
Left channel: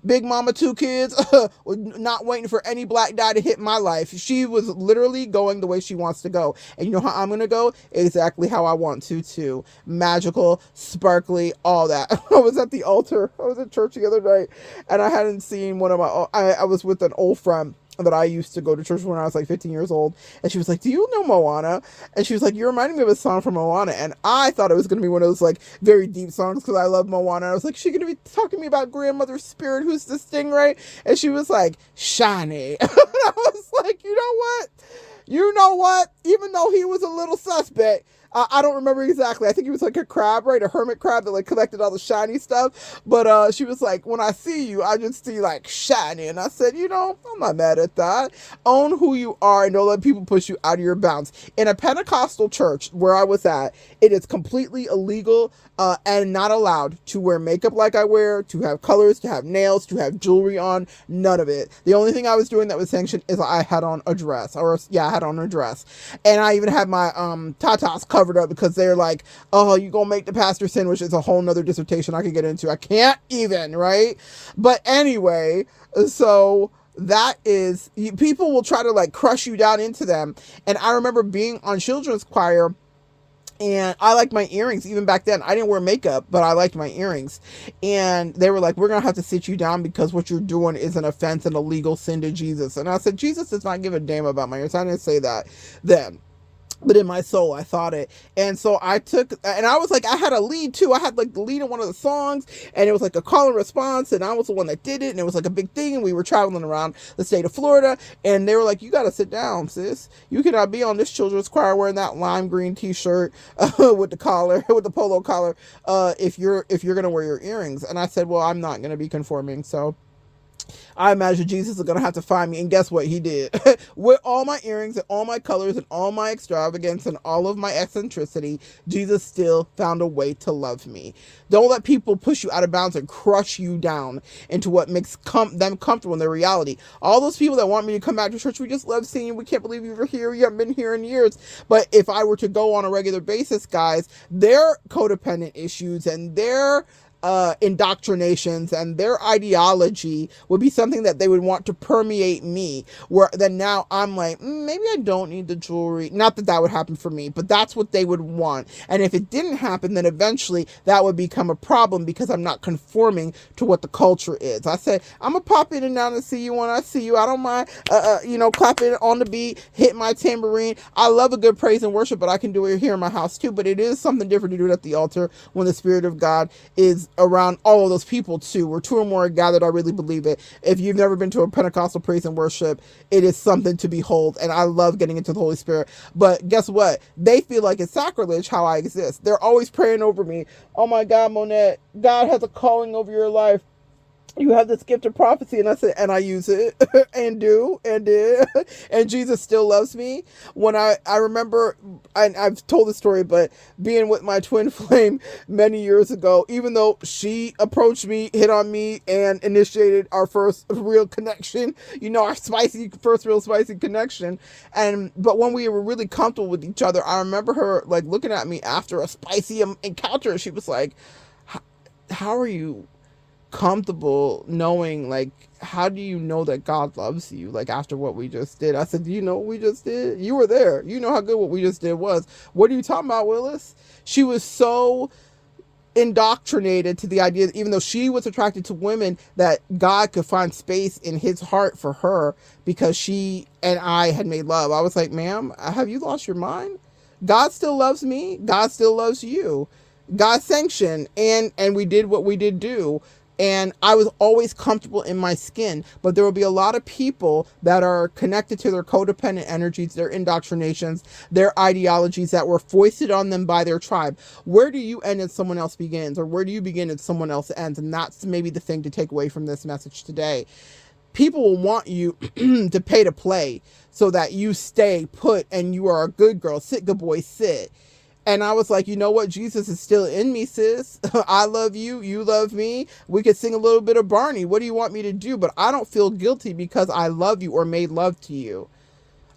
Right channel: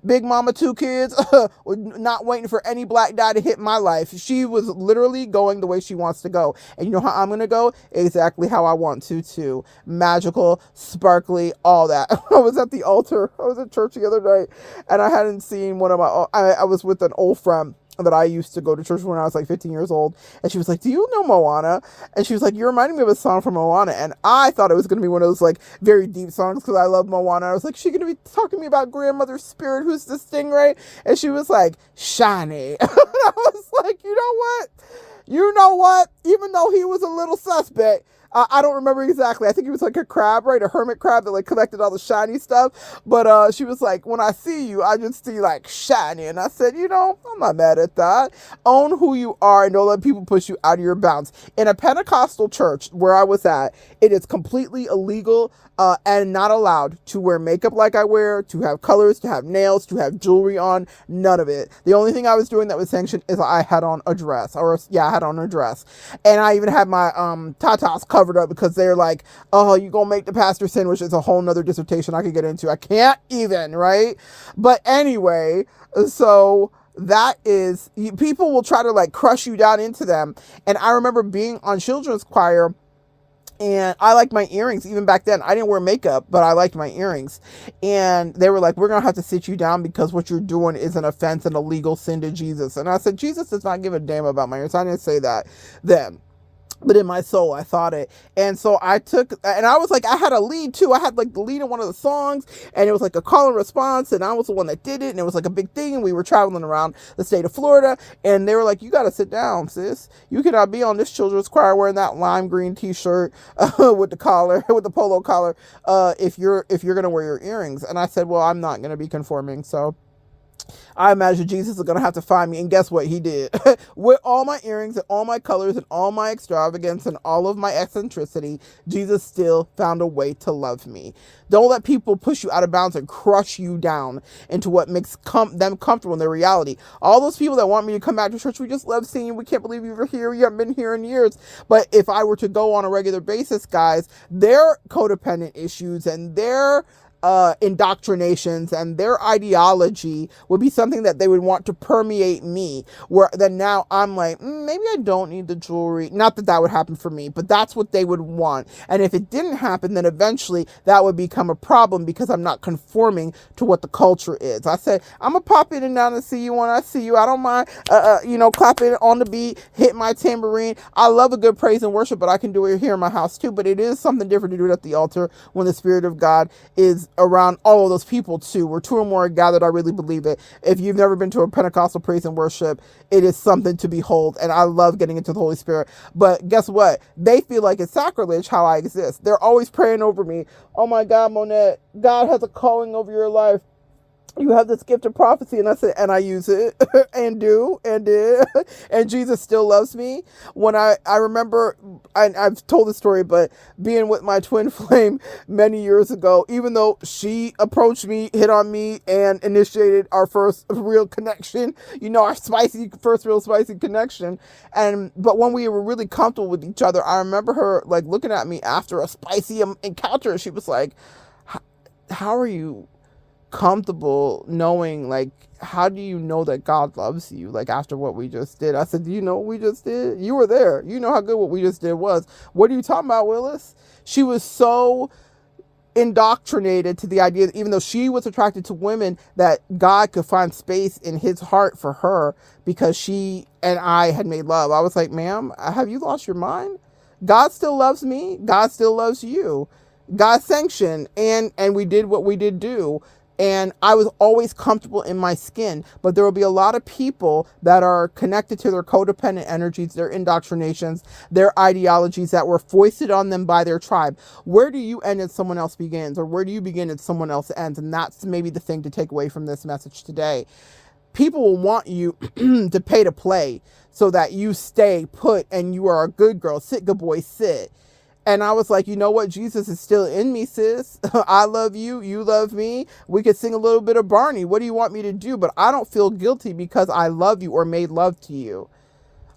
big mama, 2 kids, not waiting for any black guy to hit my life. She was literally going the way she wants to go. And you know how I'm going to go? Exactly how I want to, too. Magical, sparkly, all that. I was at the altar. I was at church the other night, and I hadn't seen one of I was with an old friend that I used to go to church when I was like 15 years old. And she was like, do you know Moana? And she was like, you're reminding me of a song from Moana. And I thought it was going to be one of those like very deep songs, because I love Moana. I was like, she's going to be talking to me about grandmother's spirit, who's the stingray. And she was like, shiny. And I was like, you know what? Even though he was a little suspect, I don't remember exactly. I think he was like a crab, right? A hermit crab that like collected all the shiny stuff. But she was like, when I see you, I just see like shiny. And I said, I'm not mad at that. Own who you are, and don't let people push you out of your bounds. In a Pentecostal church where I was at, it is completely illegal and not allowed to wear makeup like I wear, to have colors, to have nails, to have jewelry on. None of it. The only thing I was doing that was sanctioned is I had on a dress. I had on a dress. And I even had my tatas covered up, because they're like, oh, you gonna make the pastor sin, which is a whole nother dissertation I could get into. I can't even, right? But anyway, so that is, people will try to like crush you down into them. And I remember being on children's choir, and I liked my earrings. Even back then, I didn't wear makeup, but I liked my earrings. And they were like, we're going to have to sit you down, because what you're doing is an offense and a legal sin to Jesus. And I said, Jesus does not give a damn about my ears. I didn't say that then. But in my soul, I thought it. And so I took, and I was like, I had a lead too. I had like the lead in one of the songs, and it was like a call and response, and I was the one that did it, and it was like a big thing, and we were traveling around the state of Florida, and they were like, you got to sit down, sis. You cannot be on this children's choir wearing that lime green t-shirt with the collar, with the polo collar, if you're going to wear your earrings. And I said, well, I'm not going to be conforming, so I imagine Jesus is going to have to find me. And guess what? He did. With all my earrings and all my colors and all my extravagance and all of my eccentricity, Jesus still found a way to love me. Don't let people push you out of bounds and crush you down into what makes them comfortable in their reality. All those people that want me to come back to church, we just love seeing you. We can't believe you were here. You haven't been here in years. But if I were to go on a regular basis, guys, their codependent issues and their indoctrinations, and their ideology would be something that they would want to permeate me, where then now I'm like, maybe I don't need the jewelry. Not that that would happen for me, but that's what they would want. And if it didn't happen, then eventually that would become a problem because I'm not conforming to what the culture is. I say, I'm gonna pop in and out and see you when I see you. I don't mind clapping on the beat, hit my tambourine. I love a good praise and worship, but I can do it here in my house too. But it is something different to do it at the altar when the Spirit of God is around all of those people too. Where two or more are gathered, I really believe it. If you've never been to a Pentecostal praise and worship, it is something to behold, and I love getting into the Holy Spirit. But guess what? They feel like it's sacrilege how I exist. They're always praying over me. Oh my God, Monette, God has a calling over your life. You have this gift of prophecy. And I said, and I use it and do and did. And Jesus still loves me. When I remember, I've told the story, but being with my twin flame many years ago, even though she approached me, hit on me, and initiated our first real connection, our first real spicy connection. But when we were really comfortable with each other, I remember her like looking at me after a spicy encounter. She was like, how are you comfortable knowing, like, how do you know that God loves you, like, after what we just did? I said, do you know what we just did? You were there. You know how good what we just did was. What are you talking about, Willis? She was so indoctrinated to the idea that even though she was attracted to women, that God could find space in his heart for her because she and I had made love. I was like, ma'am, have you lost your mind? God still loves me. God still loves you. God sanctioned, and we did what we did do. And I was always comfortable in my skin, but there will be a lot of people that are connected to their codependent energies, their indoctrinations, their ideologies that were foisted on them by their tribe. Where do you end and someone else begins, or where do you begin and someone else ends? And that's maybe the thing to take away from this message today. People will want you to pay to play so that you stay put and you are a good girl. Sit, good boy, sit. And I was like, you know what? Jesus is still in me, sis. I love you. You love me. We could sing a little bit of Barney. What do you want me to do? But I don't feel guilty because I love you or made love to you.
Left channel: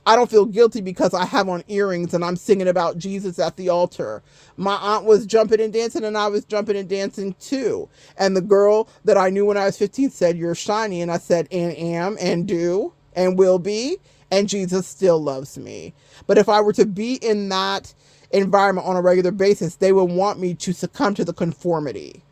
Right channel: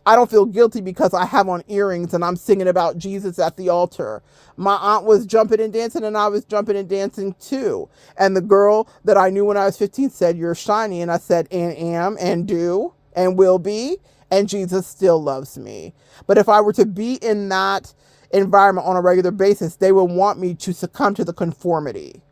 I don't feel guilty because I have on earrings and I'm singing about Jesus at the altar. My aunt was jumping and dancing and I was jumping and dancing too. And the girl that I knew when I was 15 said, you're shiny. And I said, and am, and do, and will be. And Jesus still loves me. But if I were to be in that environment on a regular basis, they would want me to succumb to the conformity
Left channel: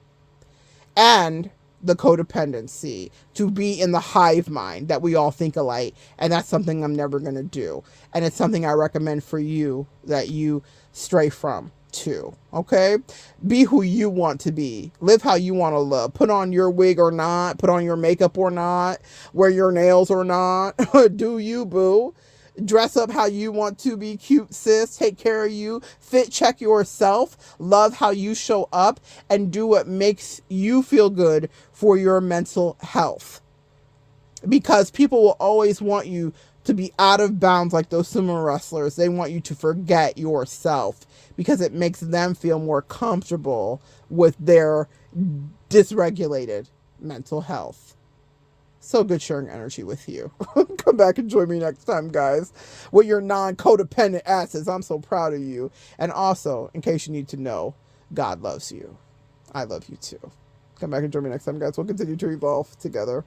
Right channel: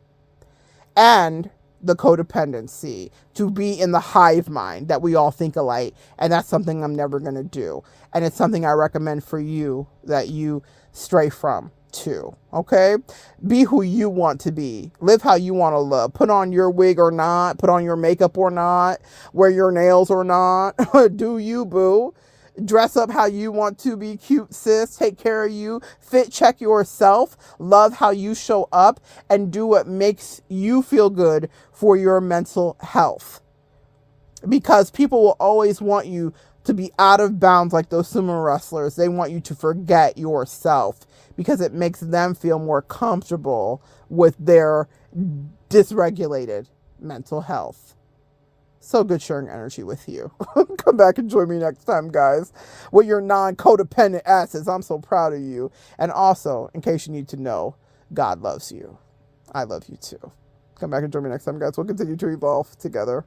and the codependency, to be in the hive mind that we all think alike. And that's something I'm never going to do. And it's something I recommend for you that you stray from too. Okay? Be who you want to be. Live how you want to live. Put on your wig or not. Put on your makeup or not. Wear your nails or not. Do you, boo. Dress up how you want to be cute, sis. Take care of you. Fit check yourself. Love how you show up and do what makes you feel good for your mental health. Because people will always want you to be out of bounds like those sumo wrestlers. They want you to forget yourself because it makes them feel more comfortable with their dysregulated mental health. So good sharing energy with you. Come back and join me next time, guys, with your non-codependent asses. I'm so proud of you. And also, in case you need to know, God loves you. I love you too. Come back and join me next time, guys. We'll continue to evolve together.